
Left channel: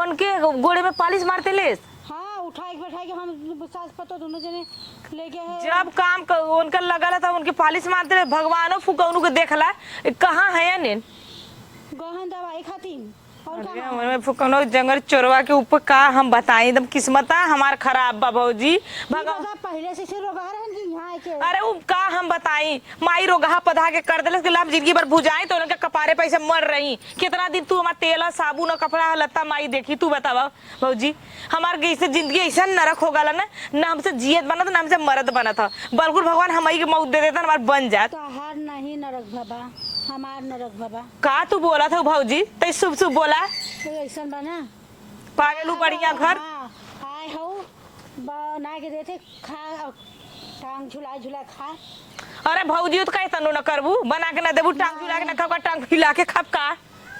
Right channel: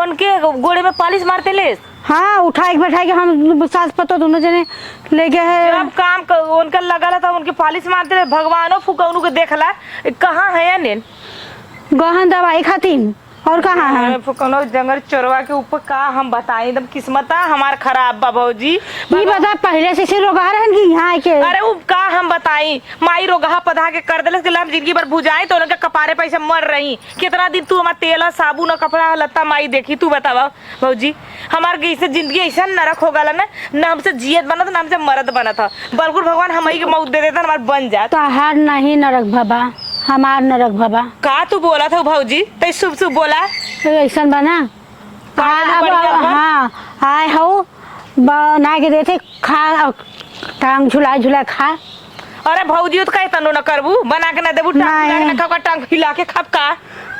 उनके गोड़े में पालिश मारते ले हाँ उठाए बैठाए के हम सास पतो दोनों जने ले गए हैं जब काम उनका लगा था उनकी पालिश मारते रहे भगवानों फुकौनू के देखला कहाँ है या नेन गहन दवाई खातिर और कहाँ है फुकौनो जंगल चोरवा के ऊपर का हम बताएं एकदम किस्मत हमार खराब बा भौजी नहीं पता पहले से रोगा रहन की यहाँ के अरे वो का हम बताई माई रोगा पधा के कर देलस के हम जिंदगी भर बुझाई तो उनके कपारे पैसे मर रही कितना दिन तू हमार तेल साबुन और कपड़ा लत्ता माई देखी तू बतावा भौजी हमार कैसे जिंदगी ऐसा नरक हो गला ना हमसे जियत बना था ना हमसे मरद बना था बल्कुल भगवान हमारी के मौत दे देता हमार बन जात तो हार नहीं नरक बाबा हमार नरक बाबा का तू बोला था भौजी तै शुभ शुभ बोला तो ऐसा बना हाँ आए हो बना के देते खा टांग झुला झुला खा अरे भौजी तो कहे तनो न करबू बना के ना देबू टांग ना खा टांग हिला के खाब का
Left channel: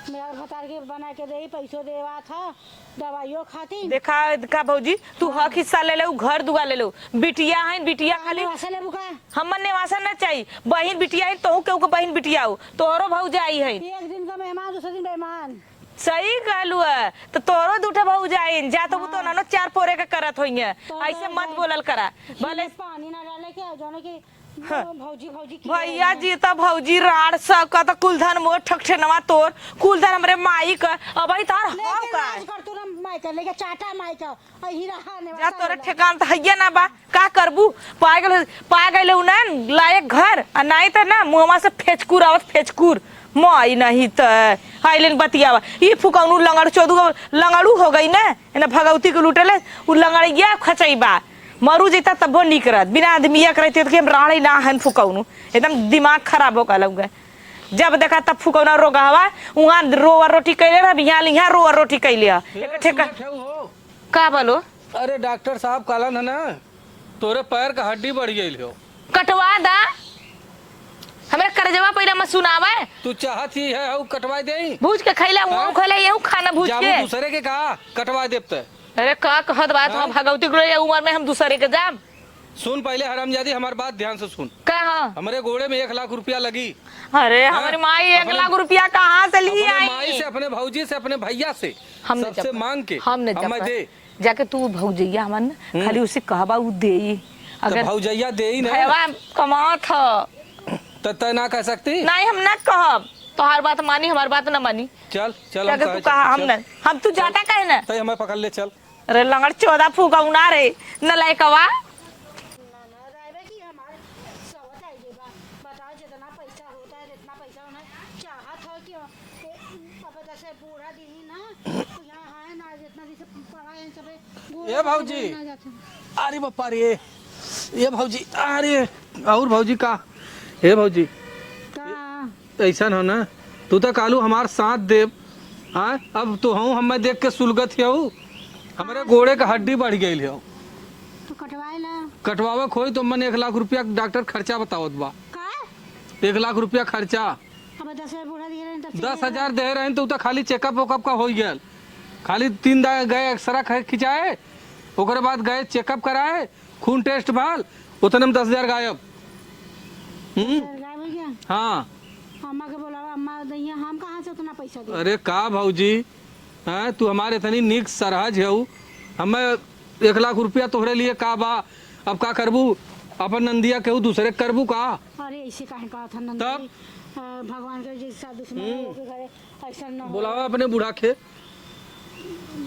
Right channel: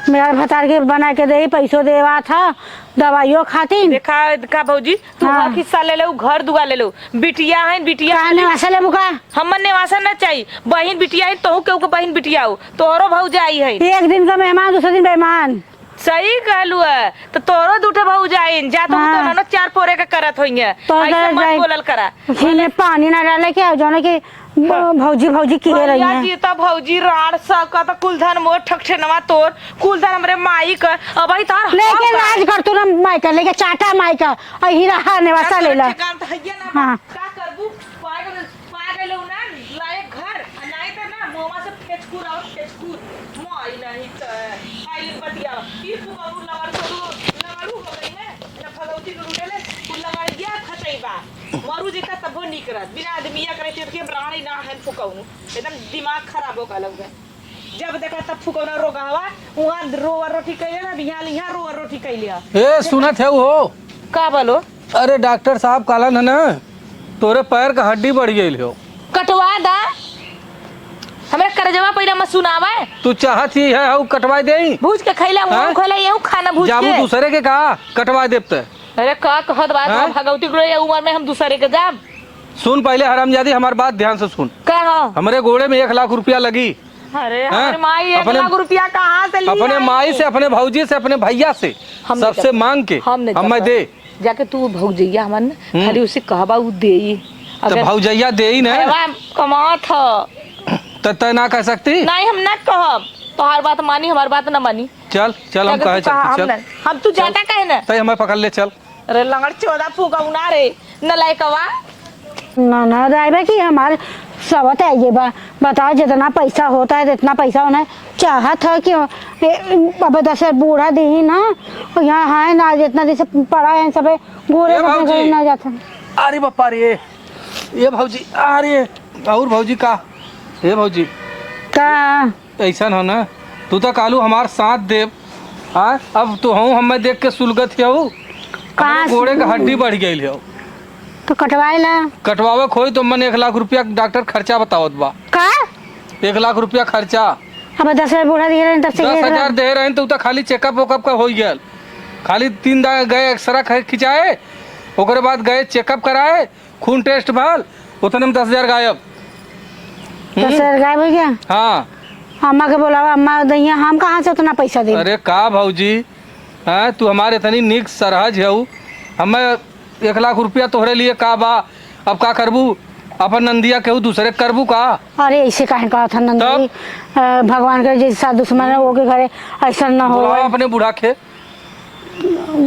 मेरा भतार के बना के दे पैसों देवा था दवाइयों खातिर देखा भौजी तू हक हिस्सा ले ले घर दुआ ले लो बिटिया है बिटिया नेवासा ले बुका हमन नेवासा ना चाहिए बहन बिटिया है तो केहू के बहन बिटिया हो तोरो भौजाई है एक दिन का मेहमान दूसरे दिन बेईमान सही कहलू है तो तोरो दूठे भौजाई जा तो ना 4 पोरे का करत होइए ऐसा मत बोलल करा खीने पानी ना डाले के जो ना के भौजी भौजी की रही है जी तो भौजी राड सका तो कुलधन मोर ठकठनवा तोर कुलधन हमरे माई का अब ही तार लेके राज कर तू ना माई का लेके चाटा माई का और हीरा नेवासा ले ला ठिकान तो हइया ना बा का करबू पा गइले ना लायक घर आ नहीं त ना मुहवा से फेचकुर आवत फेचकुर माई नहीं त आइलन बतियावा ई फुकौनु लंगड़ चोदू लंगड़ू हो गई ना एना भगवती के लुटेले उ लंगड़िया खचैबा मरू जेता तबो निक रहत बिना आदमिया करते तो राणी ना हन फुकौनु एकदम दिमाग खराब हो गलग जब देखा तब फुकौना रोगावा वहां रोवा रोटी कैले रह यहाँ रोवा रोटी कैले ए सुनत है वो का बोलो अरे डॉक्टर साहब काला ना तोरे पैर का हड्डी बढ़ गई हो कटवा दा हमरा करजवा पहिला मत सुनावे तू चाहत ही है हऊ कटवा देई भूज के खैला मुंह खोला यहू खाना भूज जाबू के दूसरे के कहा कटवा देते अरे का कहत बात भगवती को ये उम्र में हम दूसरे के जाब सुन पहले हरामजादी हमारी बात ध्यान से सुन का हमारे घोड़े में 1 लाख रुपया लगी अरे हमारे माई 1 लाख रुपया कहाँ से लिए अपने माई से अपने भौजी से अपने भैया से सबसे मांग के हम दे जाके तू भौजैया हमन खाली उसे कहबा उ देई तो भौजैया देई ना कमा था तो ना कह सकती नहीं हम ना कहब तोहार बात मानी हमार बात ना मानी चल चल हम कहे चल हम तू जाता कहे ना तय हमें पकड़ ले चल अरे लंगड़ 14 फुकौना रे नलायकवा ना ड्राइवर की हमारे सबत है ये बताओ जितना पैसा होता है जितना पैसा होना चाहत है कि अब 10 बूढ़ा दे ही ना यहाँ है ना जितना जैसे पड़ा है सब गोरे ना जाता अरे बापा रे ये भौजी अरे और भौजी का ये भौजी का ऐसा हो ना तू तो कालू हमार साथ देव हाँ अब तो हूँ हमें देख के सुलगत हो घोड़े का हड्डी बढ़ गई हो तो कटवाए ला कटवावे खोई तो मन 1 लाख रुपया डॉक्टर खर्चा बतावत बा का 1 लाख रुपया खर्चा अब 10 बूढ़ा दे रहे हैं 10,000 दे रहे हैं तो खाली चेकअप वेकअप का हो गया खाली 3 दिन गए एक्सरा खिंचाए ओकरे बाद गए चेकअप कराए खून टेस्ट भाल उतने में 10,000 गायब 10,000 गायब हो गया हाँ अम्मा के बोलावा अम्मा दैया हम कहाँ से उतना पैसा दे अरे का भौजी हाँ तू हमारे इतनी निक सरहज है हमें 1 लाख रुपया तोहरे लिए का बा अब का करबू अपन नंदिया केहू दूसरे करबू का अरे ऐसे काहे कहा था नंदी भगवान के जैसा दुश्मन है वो के घरे ऐसा ना हो बुलावा अपने बूढ़ा के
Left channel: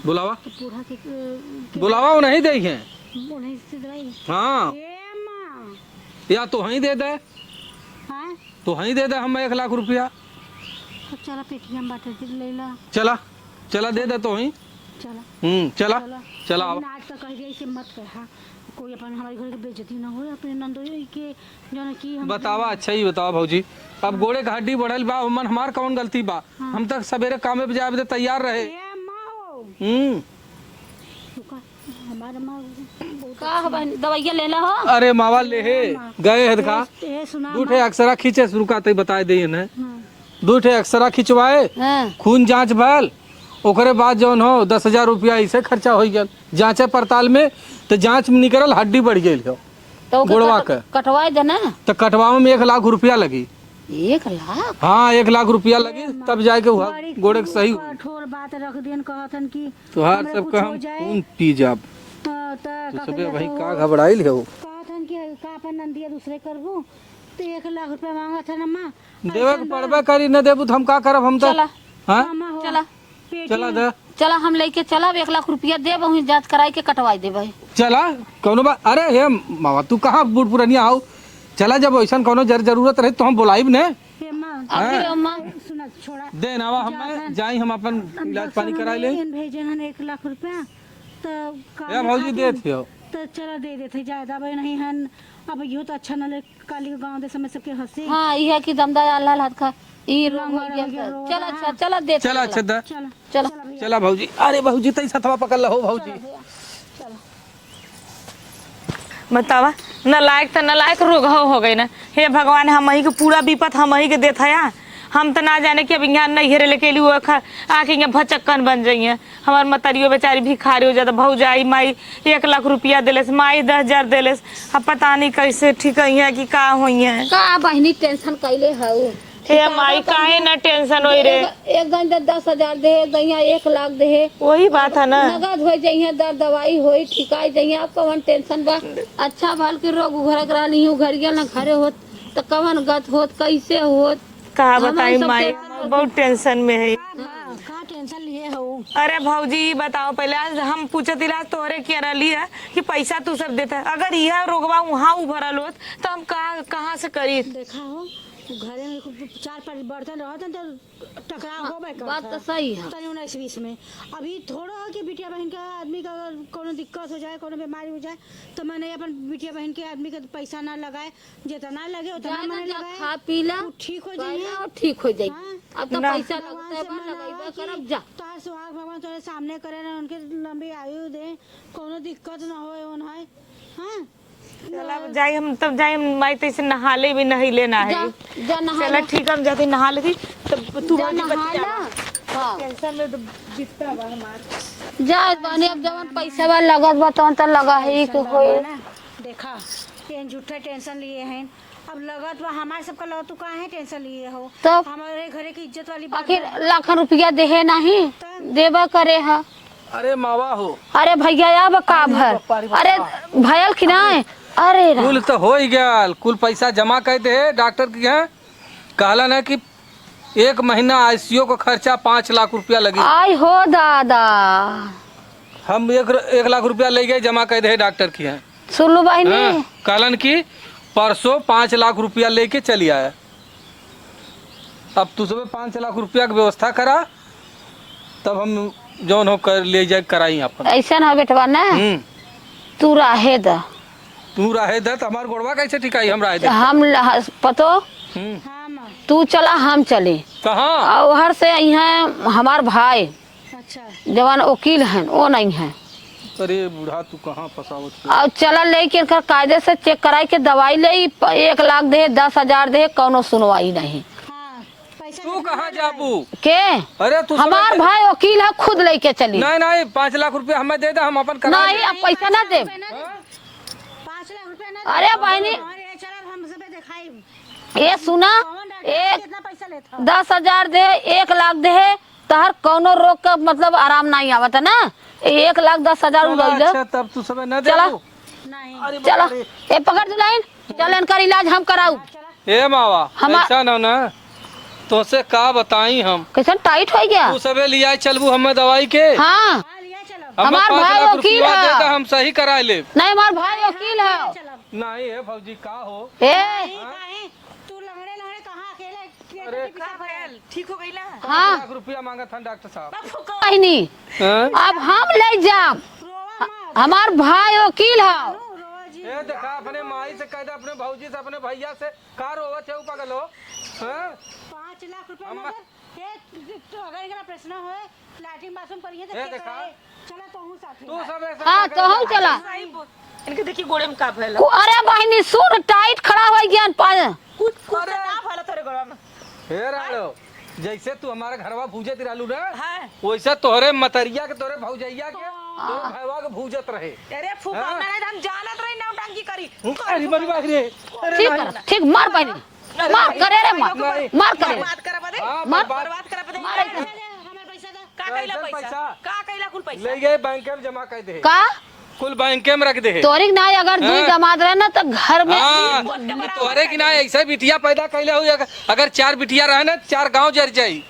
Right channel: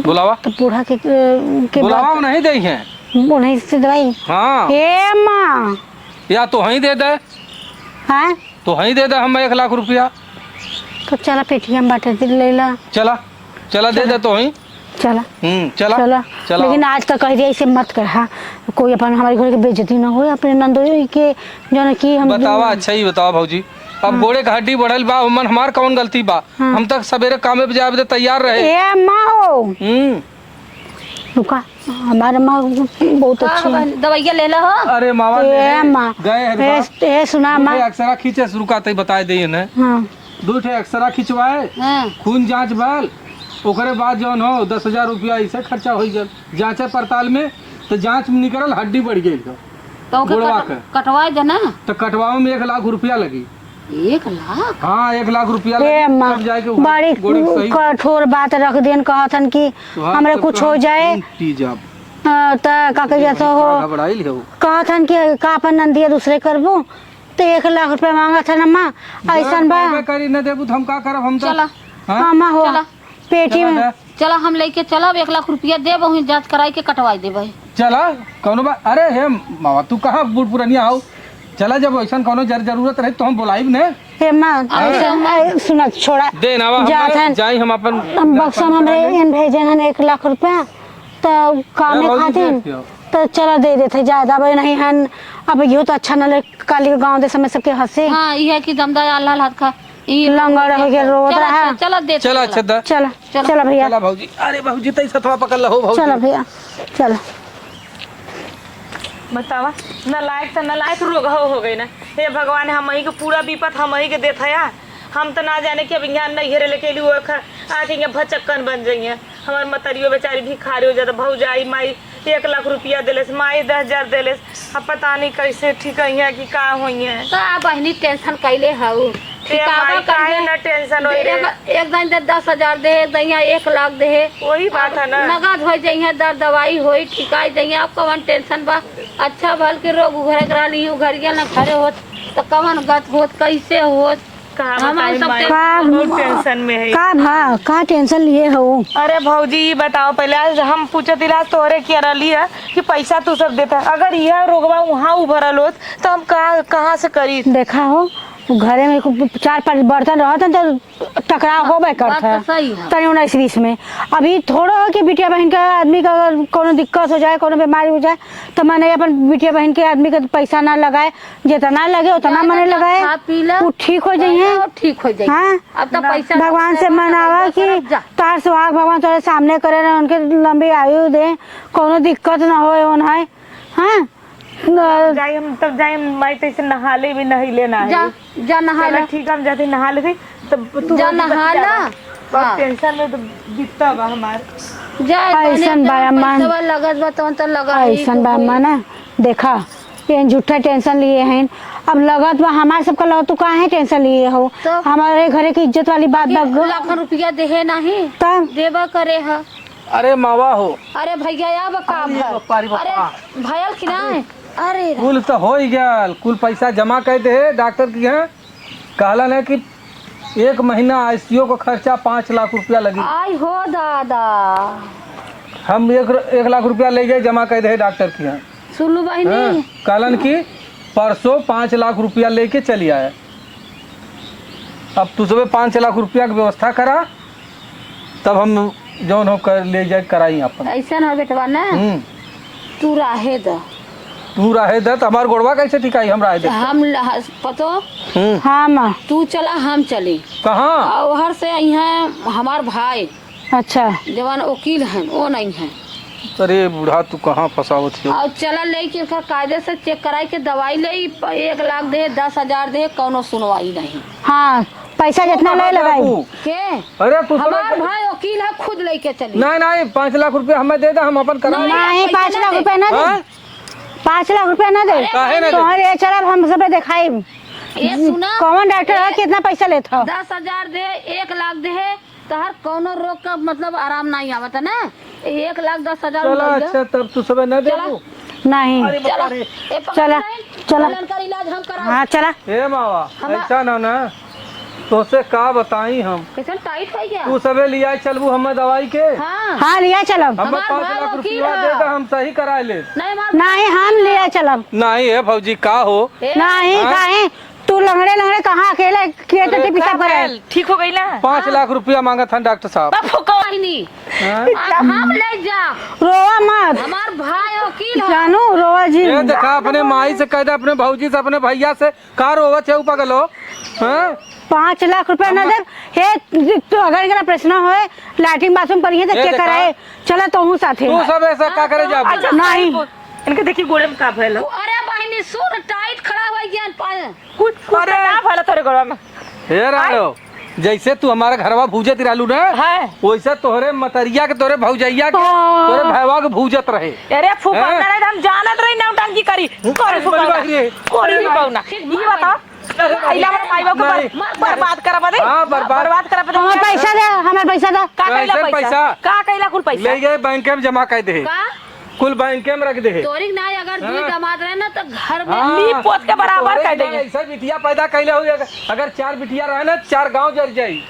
बुलावा तो बूढ़ा के बुलावा नहीं देंगे उन्हीं से दवाई हाँ ए माँ या तो वहीं दे दे, हाँ तो वहीं दे दे हम 1 लाख रुपया। तो चला पेटीएम बाटे ले ला। चला चला दे दे तो वहीं। चला चला चला चला। लेकिन आज तक कह दिया ऐसे मत कर। हाँ कोई अपन हमारे घर की बेइज्जती ना हो, अपने नंदोई के जो न की हम बतावा अच्छा ही बतावा भौजी। अब गोड़े का हड्डी बढ़ल बा, मन हमार कौन गलती बा? हम तक सवेरे कामे पे जाए तैयार रहे। ए माँ हो रुका, हमारे माँ बहुत अच्छी है। दवाइया ले लो। अरे मावा ले ए माँ गए हैं सुना माँ। अक्सरा खींचे रुका तई बताए दे ने। हाँ 2 ठे अक्सरा खिंचवाए, खून जांच भल, ओकरे बाद जौन हो 10,000 रुपया ऐसे खर्चा हो गया जांचे पड़ताल में। तो जांच में निकलल हड्डी बढ़ गई हो गोड़वा के। कटवाई देना तो कटवावे में 1 लाख रुपया लगी। 1 लाख? हाँ 1 लाख रुपया लगी, तब जाके बड़ी गोड़े के सही कठोर बात रख देन कहतन कि हमरे कुछ हो जाए जब तो का कहिया तो हो घबराइल हो कहतन कि का अपन नंदिया दूसरे करबो तो 1 लाख रुपया मांगा था ना माँ। ऐसन बा करी न देबू तो हम का करब? हम तो हाँ माँ हो पेटी में चला हम लेके चलब 1 लाख रुपया दे बहु जांच कराई के कटवाई दे भाई। चला कौनो बात। अरे हे मावा तू कहाँ बूढ़ पुरानिया हो? चला जब ऐसा कोनो जरूरत रहे तो हम बुलाइब ने। हे माँ सुना छोड़ा दे नावा हम जाई हम अपन बक्सम हमरे एन भेजे हन 1 लाख रुपया तो काम में खातिर तो चला दे देते ज्यादा भाई नहीं हन। अब यो तो अच्छा न लगे काली के गांव दे समय सबके हंसे। हां ये कि दमदार अल्लाह हाथ का ई लंगड़ हो के रोत रहा। चला दे चला अच्छा दा चला चला भैया चला भौजी। अरे भौजी तई सथवा पकड़ लो भौजी। चला भैया चला। बतावा नलायक तो नलायक रोग हो गई ना। हे भगवान हम ही के पूरा विपत हम ही के देता है। हम तो ना जाने कि अब यहाँ नहीं लेके ली हुआ आके यहाँ भचक्कन बन जाइए। हमार मतरियो बेचारी भिखारी हो जाता। भौजाई माई 1 लाख रुपया दिलस, माई 10,000 दिलस। अब पता नहीं कैसे ठीक है कि का हुई है। का बहनी टेंशन कैले हऊ? माई काहे न टेंशन होई रे। एक दिन 10,000 दे, दैया 1 लाख दे। वही बात है ना। नगद हो जाइए, दवाई होई ठिकाई जाइए। आप कवन टेंशन बा? अच्छा बल के रोग उघरे करा ली उघरिया न घरे होत तो कवन गत होत कैसे होत? बहुत टेंशन में है। का टेंशन लिए हो? अरे भौजी बताओ पहले हम पूछत इलाज तोहरे किया रही है कि पैसा तू सब देता। अगर यह रोगवा वहाँ उभरल होत तो हम कहाँ से करी? देखा हो घरे में 4-5 बर्तन रहते तो टकराव होबे करता तनी 19-20 में। अभी थोड़ा कि बिटिया बहन के आदमी का अगर कोनो दिक्कत हो जाए, कोनो बीमारी हो जाए तो मैंने अपन बिटिया बहन के आदमी का पैसा ना लगाए, जितना लगे उतना मैंने लगाए, वो ठीक हो जाइए। ठीक हो जाइए। हाँ अब तो पैसा भगवान से मनावा कि तार सुहाग भगवान तुम्हारे सामने करे ना, उनके लंबी आयु दे, कोनो दिक्कत ना हो। हाँ जाए हम तब जाए माई तैसे नहाले भी नहीं लेना है। जा नहा चला ठीक हम जाते नहा लेते तब तू जा नहा ला। बहुत टेंशन में तो बीतता बा हमार। जा ऐसन बा अम्मा लगत बा तो लगा ऐसन बा अम्मा ना। देखा ये झूठा टेंशन लिए हैं। अब लगत बा हमारे सबका लगत तू काहे टेंशन लिए हो? हमारे घरे की इज्जत वाली बात बा। 1 लाख रुपया देहे नहीं तब देवा करे हा। अरे मावा हो। अरे भैया अब का भर? अरे भयल कि ना? अरे कुल तो हो ही गया, कुल पैसा जमा कर दे डॉक्टर के यहाँ। कहला ना कि 1 महीना आईसीयू का खर्चा 5 लाख रुपया लगी। आई हो दादा हम 1 लाख रुपया ले गए जमा कर दे डॉक्टर के यहाँ। सुनू बहनी कहलन की परसों 5 लाख रुपया लेके चली आया। अब तू सब 5 लाख रुपया की व्यवस्था करा तब हम जौन हो कर ले जाए कराई अपन। ऐसा ना बेटवा ना तू रहे द तू रहे दे तो हमार गोड़वा कैसे टिकाई? हम रहे दे हम पतो। हाँ माँ तू चला हम चले कहाँ? वहर से यहाँ हमार भाई अच्छा जवान वकील हैं वो नहीं है। अरे बूढ़ा तू कहाँ फसावत है? और चला लेके कायदे से चेक कराई के दवाई ले 1 लाख दे 10,000 दे कौनो सुनवाई नहीं। हाँ पैसा जितना ले लगाई के? अरे तू हमार भाई वकील है खुद लेके चली। नहीं 5 लाख रुपया हमें दे दे, हम अपन कराएंगे। नहीं 5 लाख रुपया ना दे। 5 लाख रुपया ना दे। तुम्हारे चला हम सब दिखाई। ये सुना कौन डॉक्टर है कितना पैसा लेता? 10,000 दे 1 लाख दे तहर कौनो रोग का मतलब आराम नहीं आवत ना। 1 लाख 10,000 अच्छा तब तू सब ना दे। चला नहीं चला ये पकड़ लाइन चला का इलाज हम कराओ। हाँ चला ए मावा हम ऐसा ना तो से का बताई हम कैसन टाइट हो गया। तू सबे लिया चलबू हम दवाई के हाँ हाँ लिया चलो। हमें हमार 5 भाई लाख वकील रुपया है। दे दे हम सही करा ले। नहीं हमार नहीं हम लिया चलो। नहीं है भौजी का हो नहीं हाँ? काहे तू लंगड़े लंगड़े कहाँ अकेले किए तो पिसाब करे। ठीक हो गई ना 5 लाख रुपया मांगा था डॉक्टर साहब। बा फुकौना कहनी हैं? अब हम ले जा। रोवा मत हमार भाई वकील है। जानू रोवा जी। ये देखा अपने माई से कह दे अपने भौजी से अपने भैया से का रोवत है पगलो हैं? 5 लाख रुपया न दे हे तो अगर एकरा प्रश्न होए लैट्रिन बाथरूम करिए तो ये के देखा? कराए चला तो हूँ साथे। तू सब ऐसा हाँ, का करे तो हम जा चला। नहीं इनके देखी गोड़े में का भइल अरे बहनी सुन टाइट खड़ा हो गया। कुछ अरे ना भइल तोरे गोड़ा में हे रालो जैसे तू हमारा घरवा भूजत रहलू ना है। वैसे तोहरे मतरिया के तोरे भौजैया के हाँ। तोरे भैवा के भूजत रहे। अरे फुकौना हैं? नहीं हम जानत रही नौटंकी करी कोरी फुकौना कोरी ठीक फुकौना ठीक मार बहनी बर्बाद करा बदे हाँ, बर्बाद करा बदे हमार पैसा दे हमार पैसा दे। का कैला कैसे पैसा पैसा? का कैला कुल पैसा ले गए बैंक में जमा कर दे का कुल बैंक में रख दे तोरी ना अगर दूध हाँ। जमात रहे ना तो घर में हाँ, पोत के बराबर तोहरे कर की ना देंगे। ऐसा बिटिया पैदा कैले हो अगर 4 बिटिया रहे ना 4 गांव जर जाई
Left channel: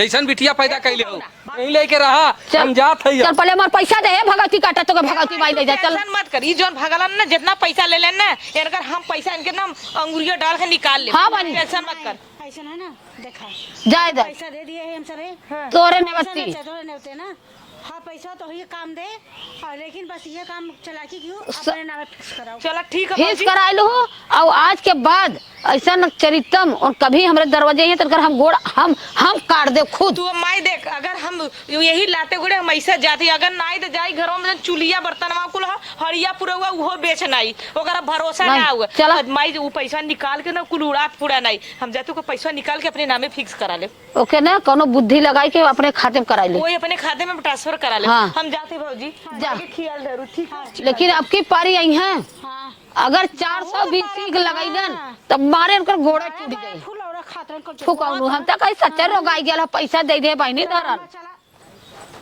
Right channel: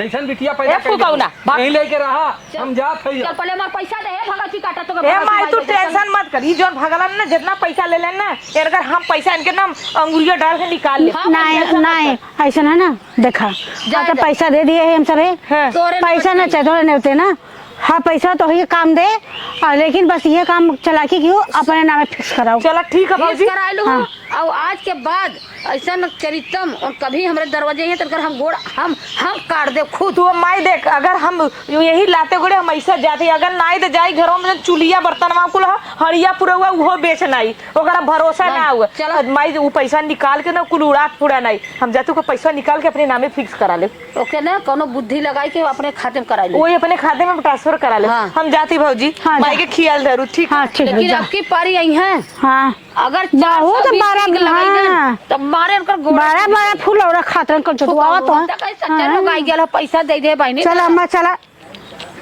ऐसा बिटिया पैदा ए, कैले फुकौना, बाप। नहीं लेके रहा हम जात है चल पहले हमार पैसा दे भगवती काटा तो हे भगवती माई माई तू ले जा चल। टेंशन मत कर ई जोन भगलन ना जितना पैसा ले लेन ना अगर हम पैसा इनके नाम अंगुलियां डाल के निकाल ले हाँ, नहीं टेंशन मत नहीं कर। ऐसा है ना देखा जा अच्छा दे। पैसा दे दिए है हम सबे हाँ। तोरे पैसा न चाहिए थोड़े नहीं होते ना। हाँ पैसा तो ये काम दे और लेकिन बस ये काम चलाकी क्यों अपने नाम फिक्स कराओ। चलो ठीक है फीस भौजी करा लू और आज के बाद ऐसा न चरितम और कभी हमारे दरवाजे ये तक हम गोड़ हम काट दे खुद। तू माई देख अगर हम यही लाते गुड़े हम ऐसे जाते अगर नाई तो जाई घरों में चूल्हा बर्तन कुल हड़िया पूरा हुआ वो बेच नहीं ओकरा भरोसा नहीं, ना हुआ चलो। माई वो पैसा निकाल के ना कुल उड़ा फुड़ा नहीं हम जाते को पैसा निकाल के अपने नामे फिक्स करा ले ओके ना कोनो बुद्धि लगाई के अपने खाते में करा ले। वही अपने खाते में ट्रांसफर करा ले हाँ। हम जाती भौजी हाँ, माई जा। के खियाल धरू ठीक हाँ ठीक है लेकिन जा। आपके पारी आई है हाँ अगर जाओ तो 12 लगाई ना हाँ। तब मारे उनका गोड़ा 12 फूल और खातर कर चुका तो कैसे सच्चे लोग आई गया पैसा दे दे बहनी चला अम्मा चला